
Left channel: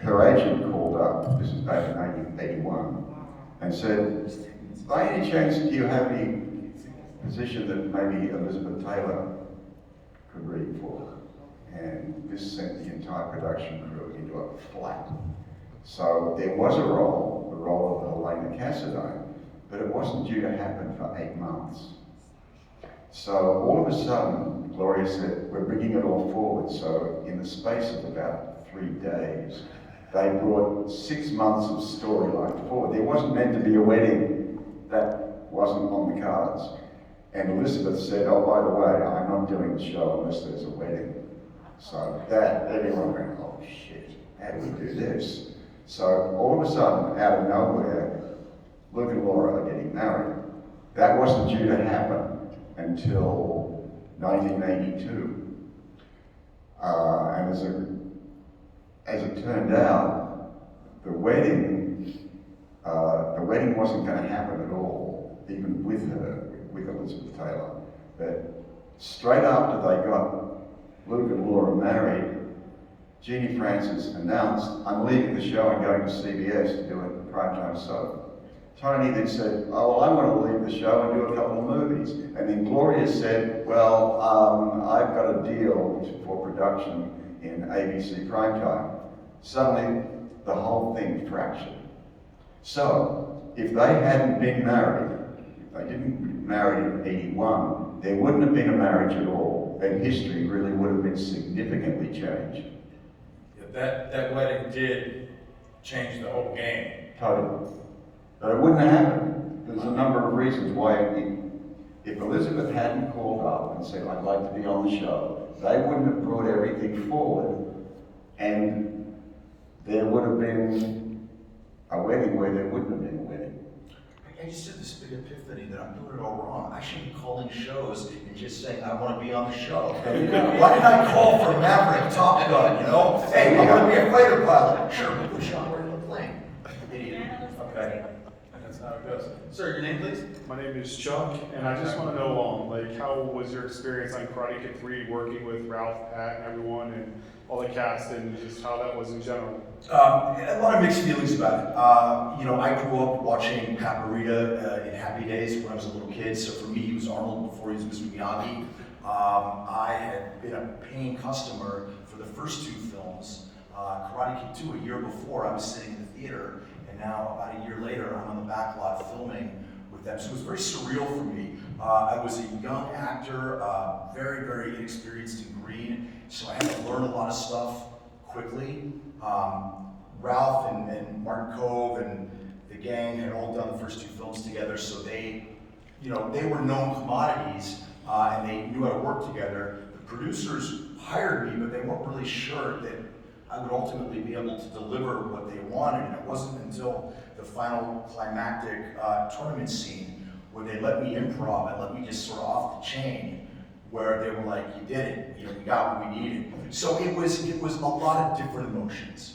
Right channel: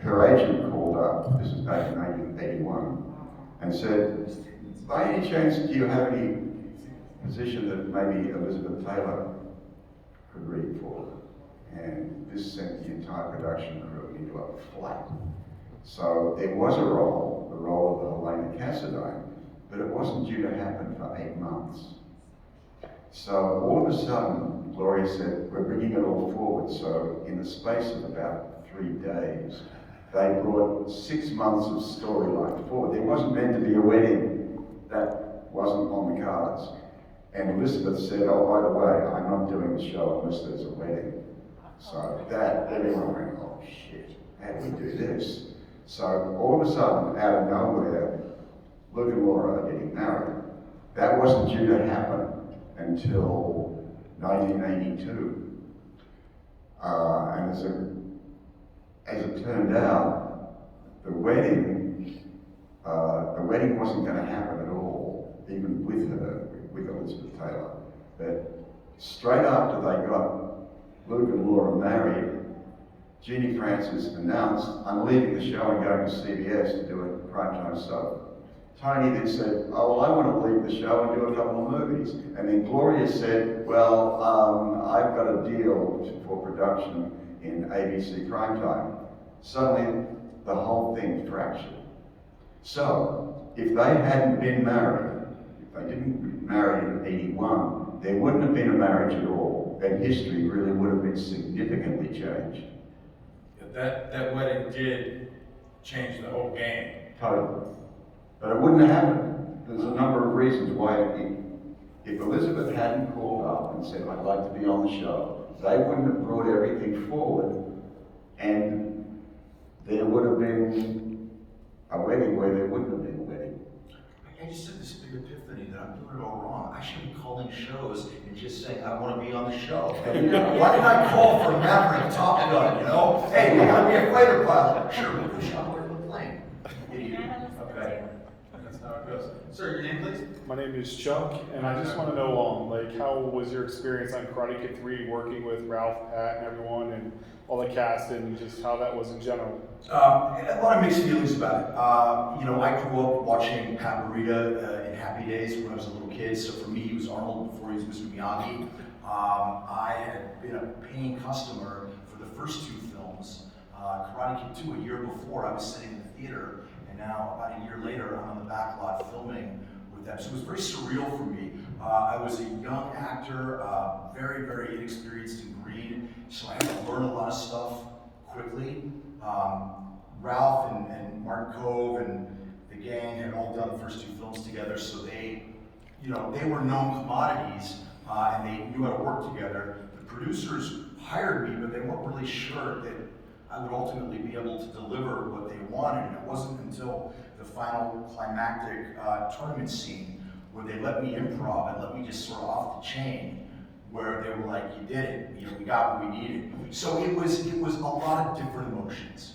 Her agent called up, this was back in 1981, and said, by any chance, do you have any position that maybe Elizabeth Taylor could read for her? And this sent the entire production crew into a flat. So there was a role, the role of Helena Cassadine, but it wasn't due to happen for 8 months. So all of a sudden, Gloria said, we're bringing it all forward. So in the space of about 3 days, they brought 6 months of storyline forward. There wasn't meant to be a wedding. That wasn't on the cards. And Elizabeth said, oh, by the way, I'm not doing the show unless there's a wedding. So that, everyone went, oh shit, how do we do this? So all of a sudden, out of nowhere, Luke and Laura are getting married. That wasn't due to happen until 1982. And as it turned out, the wedding wasn't going to happen at all, even with her, with Elizabeth Taylor. But straight after they got Luke and Laura married, Jeannie Francis announced, I'm leaving the show and going to CBS to do a primetime soap. Tony then said, oh, well, I want to leave the show and do a couple of movies. And then Gloria said, well, I've got a deal for production in ABC primetime. Suddenly, the whole thing fractured. So, if they hadn't been married, if they didn't get married in 81, there wouldn't have been a marriage at all, and history really would have been significantly changed. That wedding did change the whole game. Totally. But it wouldn't have happened. There's a number of reasons why if Elizabeth hadn't called up and said, I'd like to be on the show, they wouldn't have brought everything forward, and there would have been a wedding where there wouldn't have been a wedding. I just had this big epiphany that I'm doing it all wrong. I should be calling shows and just saying, I want to be on the show. Why didn't I call for Maverick, Top Gun, you know? Hey, I want to be a fighter pilot. Sure, we put Sean right in the plane. Idiot. Okay. And that's how it goes. Sir, your name, please? My name is Chuck, and I just want to know, like, how was your experience on Karate Kid 3 working with Ralph, Pat, and everyone, and all the cast, and just how that was in general? A lot of mixed feelings about it. You know, I grew up watching Pat Morita in Happy Days when I was a little kid, so for me, he was Arnold before he was Mr. Miyagi. I had been a paying customer for the first 2 films. Karate Kid 2, a year before, I was sitting in the theater, and now, about a year later, I'm on the back lot filming with them. So it was very surreal for me. I was a young actor, very, very inexperienced in green, so I had to learn a lot of stuff quickly. Ralph and Martin Cove and the gang had all done the first 2 films together, so they were known commodities, and they knew how to work together. The producers hired me, but they weren't really sure that I would ultimately be able to deliver what they wanted. And it wasn't until the final climactic tournament scene where they let me improv and let me just sort of off the chain, where they were like, you did it, you know, we got what we needed. So it was a lot of different emotions.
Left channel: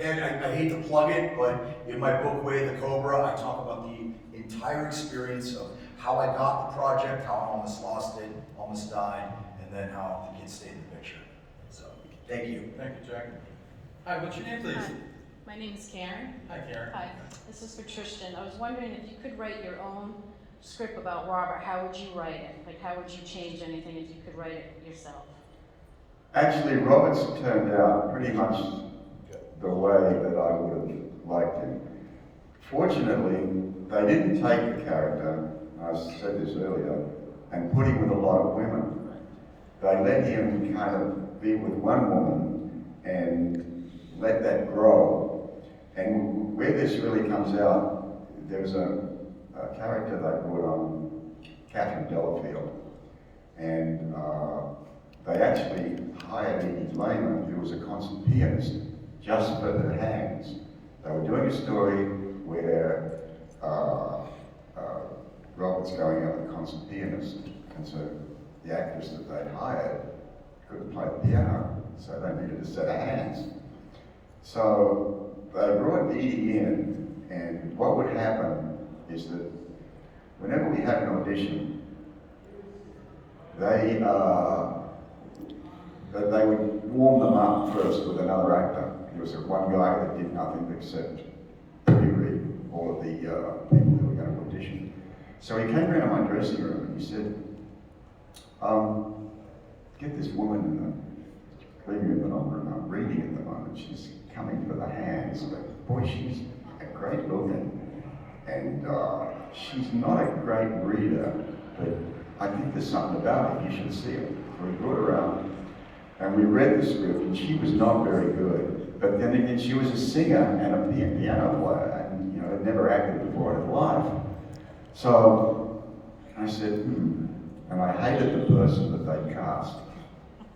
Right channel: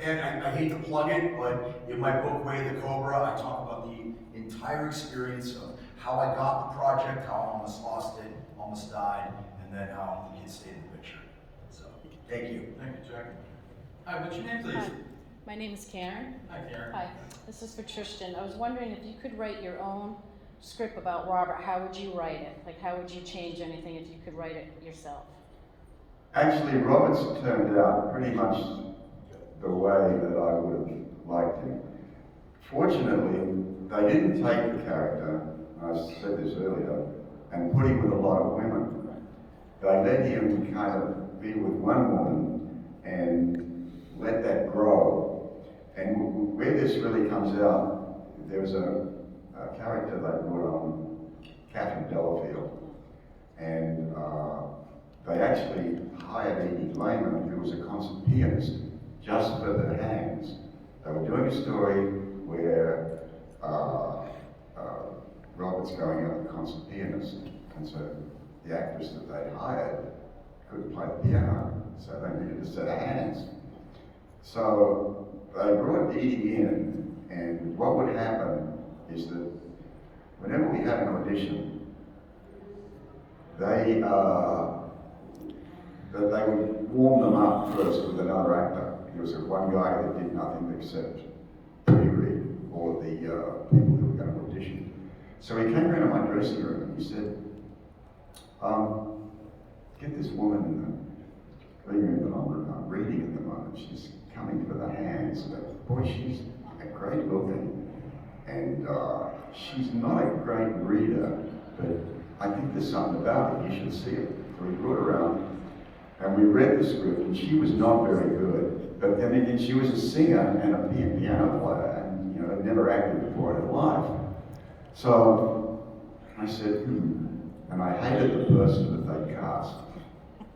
And I hate to plug it, but in my book, Way of the Cobra, I talk about the entire experience of how I got the project, how I almost lost it, almost died, and then how the kids stayed in the picture. So, thank you. Thank you, Jack. Hi, what's your name, please? Hi, my name is Karen. Hi, Karen. Hi, this is for Tristan. I was wondering if you could write your own script about Robert, how would you write it? Like, how would you change anything if you could write it yourself? Actually, Robert's turned out pretty much the way that I would have liked him. Fortunately, they didn't take the character, I said this earlier, and put him with a lot of women. They let him kind of be with one woman and let that grow. And where this really comes out, there's a character they brought on, Catherine Delafield, and they actually hired Edie Lehman, who was a concert pianist, just for her hands. They were doing a story where Robert's going out the concert pianist, and so the actress that they hired couldn't play the piano, so they needed a set of hands. So they brought Edie in, and what would happen is that whenever we had an audition, they would warm them up first with another actor. There was one guy that did nothing except reread all of the people who were going to audition. So he came around my dressing room and he said, get this woman in the green room that I'm reading at the moment. She's coming for the hands. But boy, she's great looking. And she's not a great reader, but I think there's something about it. You should see it. So we brought her around and we read the script, and she was not very good. But then again, she was a singer and a piano player, and you know, had never acted before in her life. So I said, and I hated the person that they cast.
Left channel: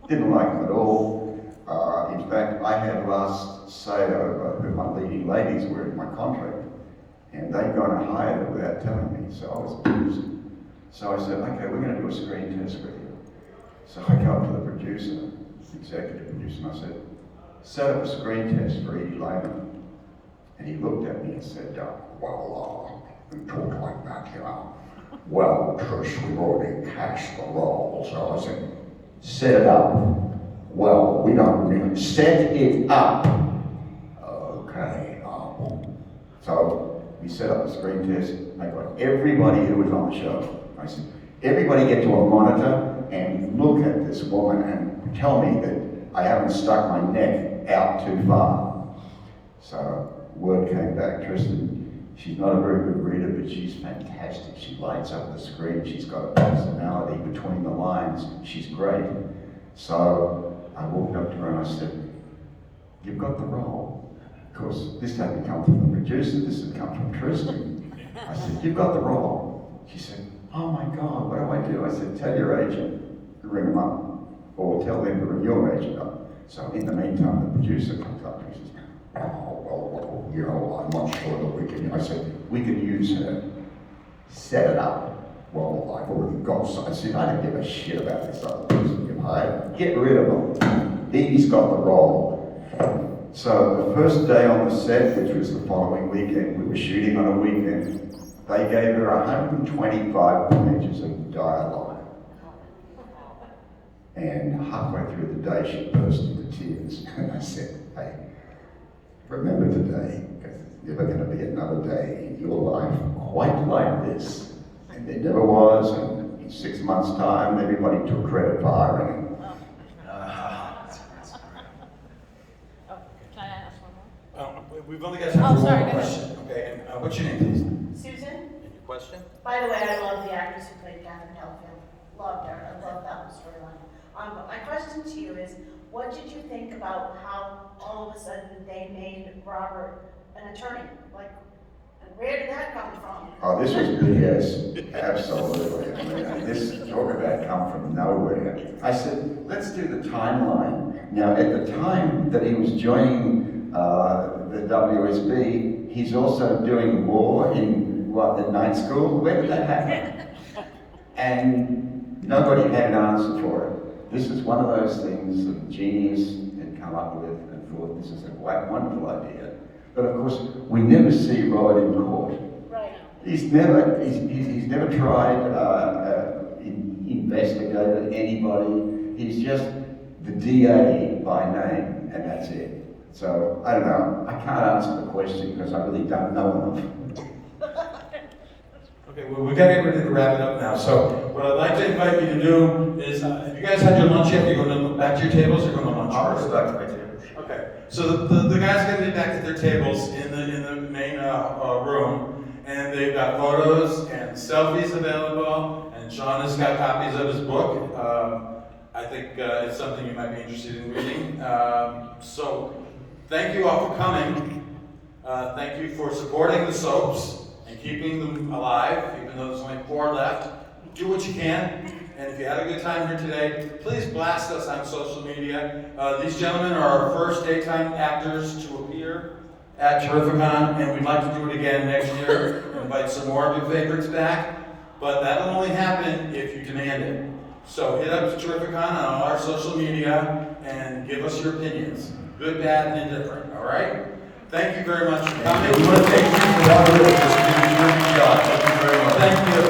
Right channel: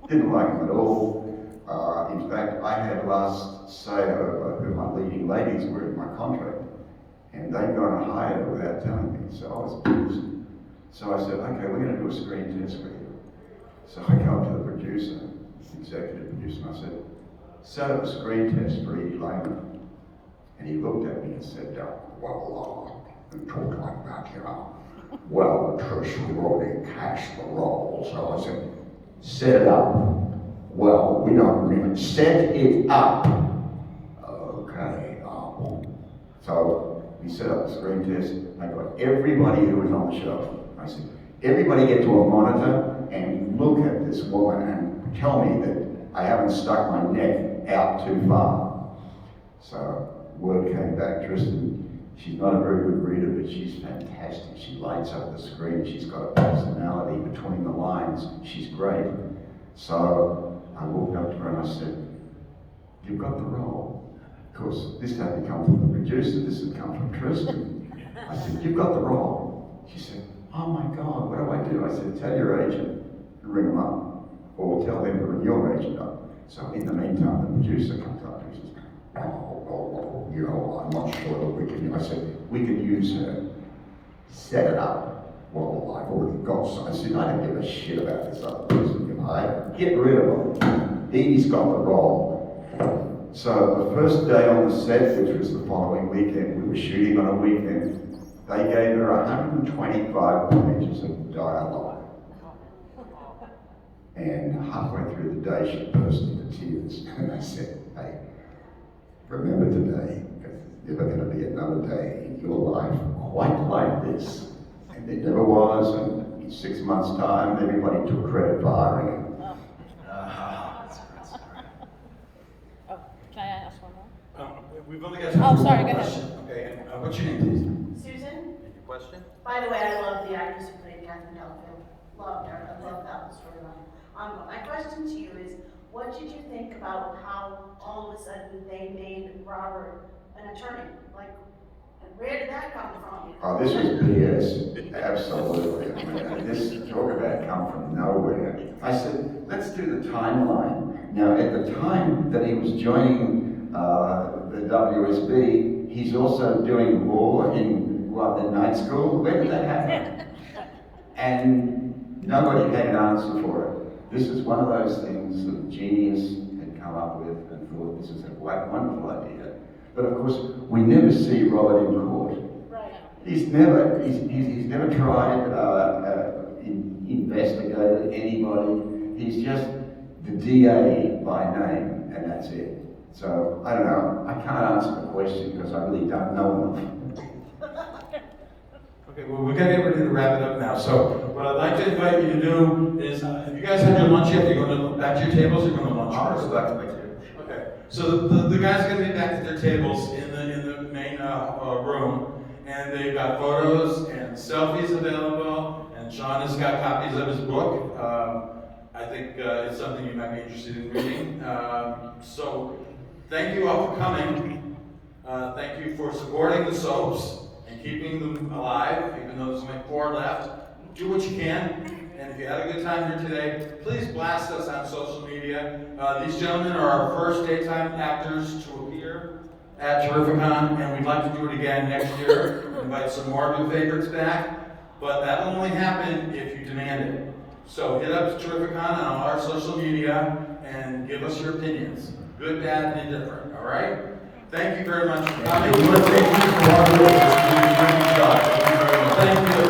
Didn't like him at all. In fact, I had last say over who my leading ladies were in my contract, and they'd gone and hired her without telling me, so I was pissed. So I said, okay, we're going to do a screen test with you. So I go up to the producer, the executive producer, and I said, set up a screen test for Edie Lehman. And he looked at me and said, well, you talk like that, you know. Well, Trish, we've already cast the role. So I said, set it up. Well, we don't really set it up. Okay. So we set up the screen test. I got everybody who was on the show. I said, everybody get to a monitor and look at this woman and tell me that I haven't stuck my neck out too far. So word came back, Tristan, she's not a very good reader, but she's fantastic. She lights up the screen. She's got a personality between the lines. She's great. So I walked up to her and I said, you've got the role. Of course, this hadn't come from the producer, this had come from Tristan. I said, you've got the role. She said, oh my God, what do? I said, tell your agent to ring them up, or tell them to ring your agent up. So in the meantime, the producer comes up and he says, well, you know, I'm not sure that we can. I said, we could use her. Set it up. Well, I've already got some. I said, I don't give a shit about this other person you hired. Get rid of him. Edie's got the role. So the first day on the set, which was the following weekend, we were shooting on a weekend, they gave her 125 pages of dialogue. And halfway through the day, she burst into tears. And I said, hey, remember today, because there's never going to be another day in your life quite like this. And there never was, and in 6 months' time, everybody took credit for hiring him. Oh, can I ask one more? We've only got time for sorry, one go ahead. question. Okay, and what's your name, please? Susan, Question? by the way, I love the actress who played Catherine Delafield. Loved her. I love that whole storyline. My question to you is, what did you think about how all of a sudden they made Robert an attorney? Like, Where did that come from? Oh, this was BS, absolutely. I mean, this talk about come from nowhere. I said, let's do the timeline. Now, at the time that he was joining the WSB, he's also doing law in, the night school. Where did that happen? And nobody had an answer for it. This is one of those things that a genius had come up with and thought this is a wonderful idea. But of course, we never see Robert in court. Right. He's never tried, investigated anybody. He's just the DA by name, and that's it. So, I don't know. I can't answer the question because I really don't know enough. Okay, well, we gotta get ready to wrap it up now. So, what I'd like to invite you to do is, if you guys had your lunch yet, you're going to back to your tables, or going to lunch I'll first? go back to my table. Okay, so the guys are gonna be back at their tables in the main room, and they've got photos and selfies available, and Sean has got copies of his book. I think it's something you might be interested in reading. So, thank you all for coming. Thank you for supporting the soaps and keeping them alive, even though there's only 4 left. Do what you can. And if you had a good time here today, please blast us on social media. These gentlemen are our first daytime actors to appear at Terrificon, and we'd like to do it again next year. Invite some more of your favorites back, but that'll only happen if you demand it. So hit up Terrificon on all our social media and give us your opinions, good, bad, and indifferent. All right? Thank you very much for coming. We want to thank you for coming. Thank you very much. Thank you.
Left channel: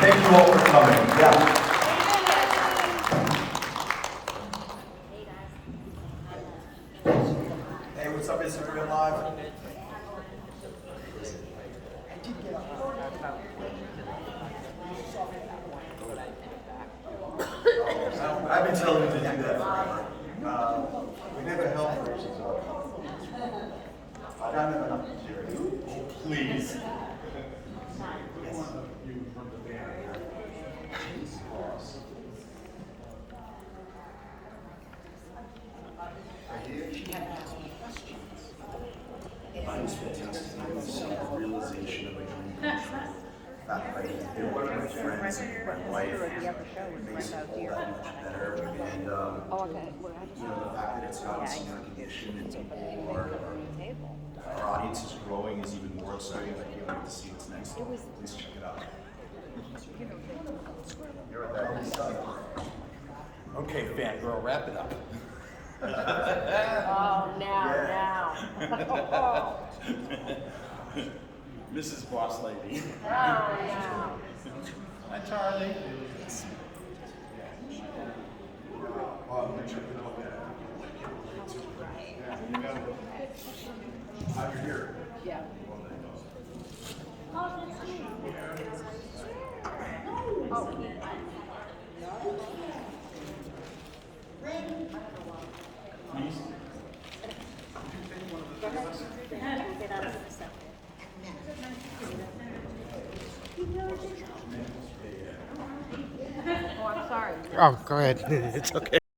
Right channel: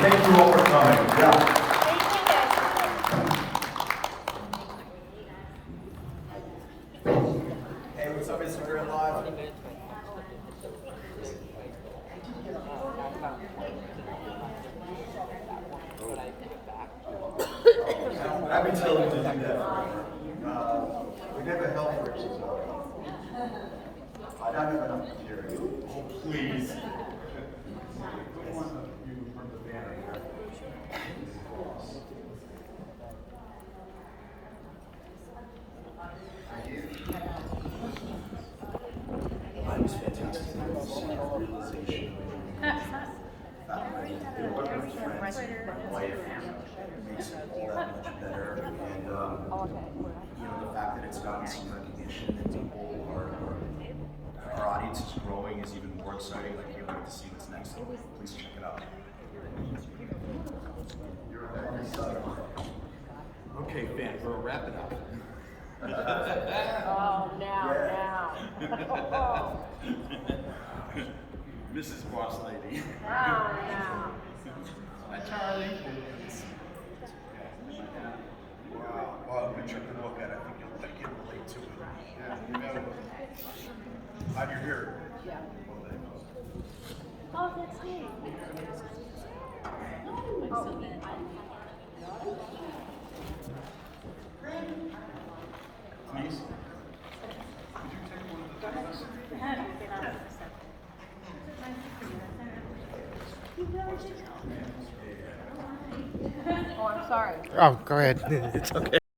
Thank you all for coming. Yeah. Hey, what's up, Instagram Live? I've been telling you to do that forever. We never help Rich's I don't have enough material. Oh, please. Put one of you in front of the banner here. Boss. Mine's fantastic. It's a realization of a dream come true. That way, it worked with friends and wife makes it all that much better. And you know, the fact that it's gotten some recognition and people are our audience is growing is even more exciting. I can't wait to see what's next. Please check it out. You're on the side. Okay, fangirl, wrap it up. Mrs. Boss Lady. Hi, Charlie. Wow. Well, the picture of the guy, I can relate to it. Yeah, you know. Glad you're here. Yeah. Please. Oh, go ahead. It's okay.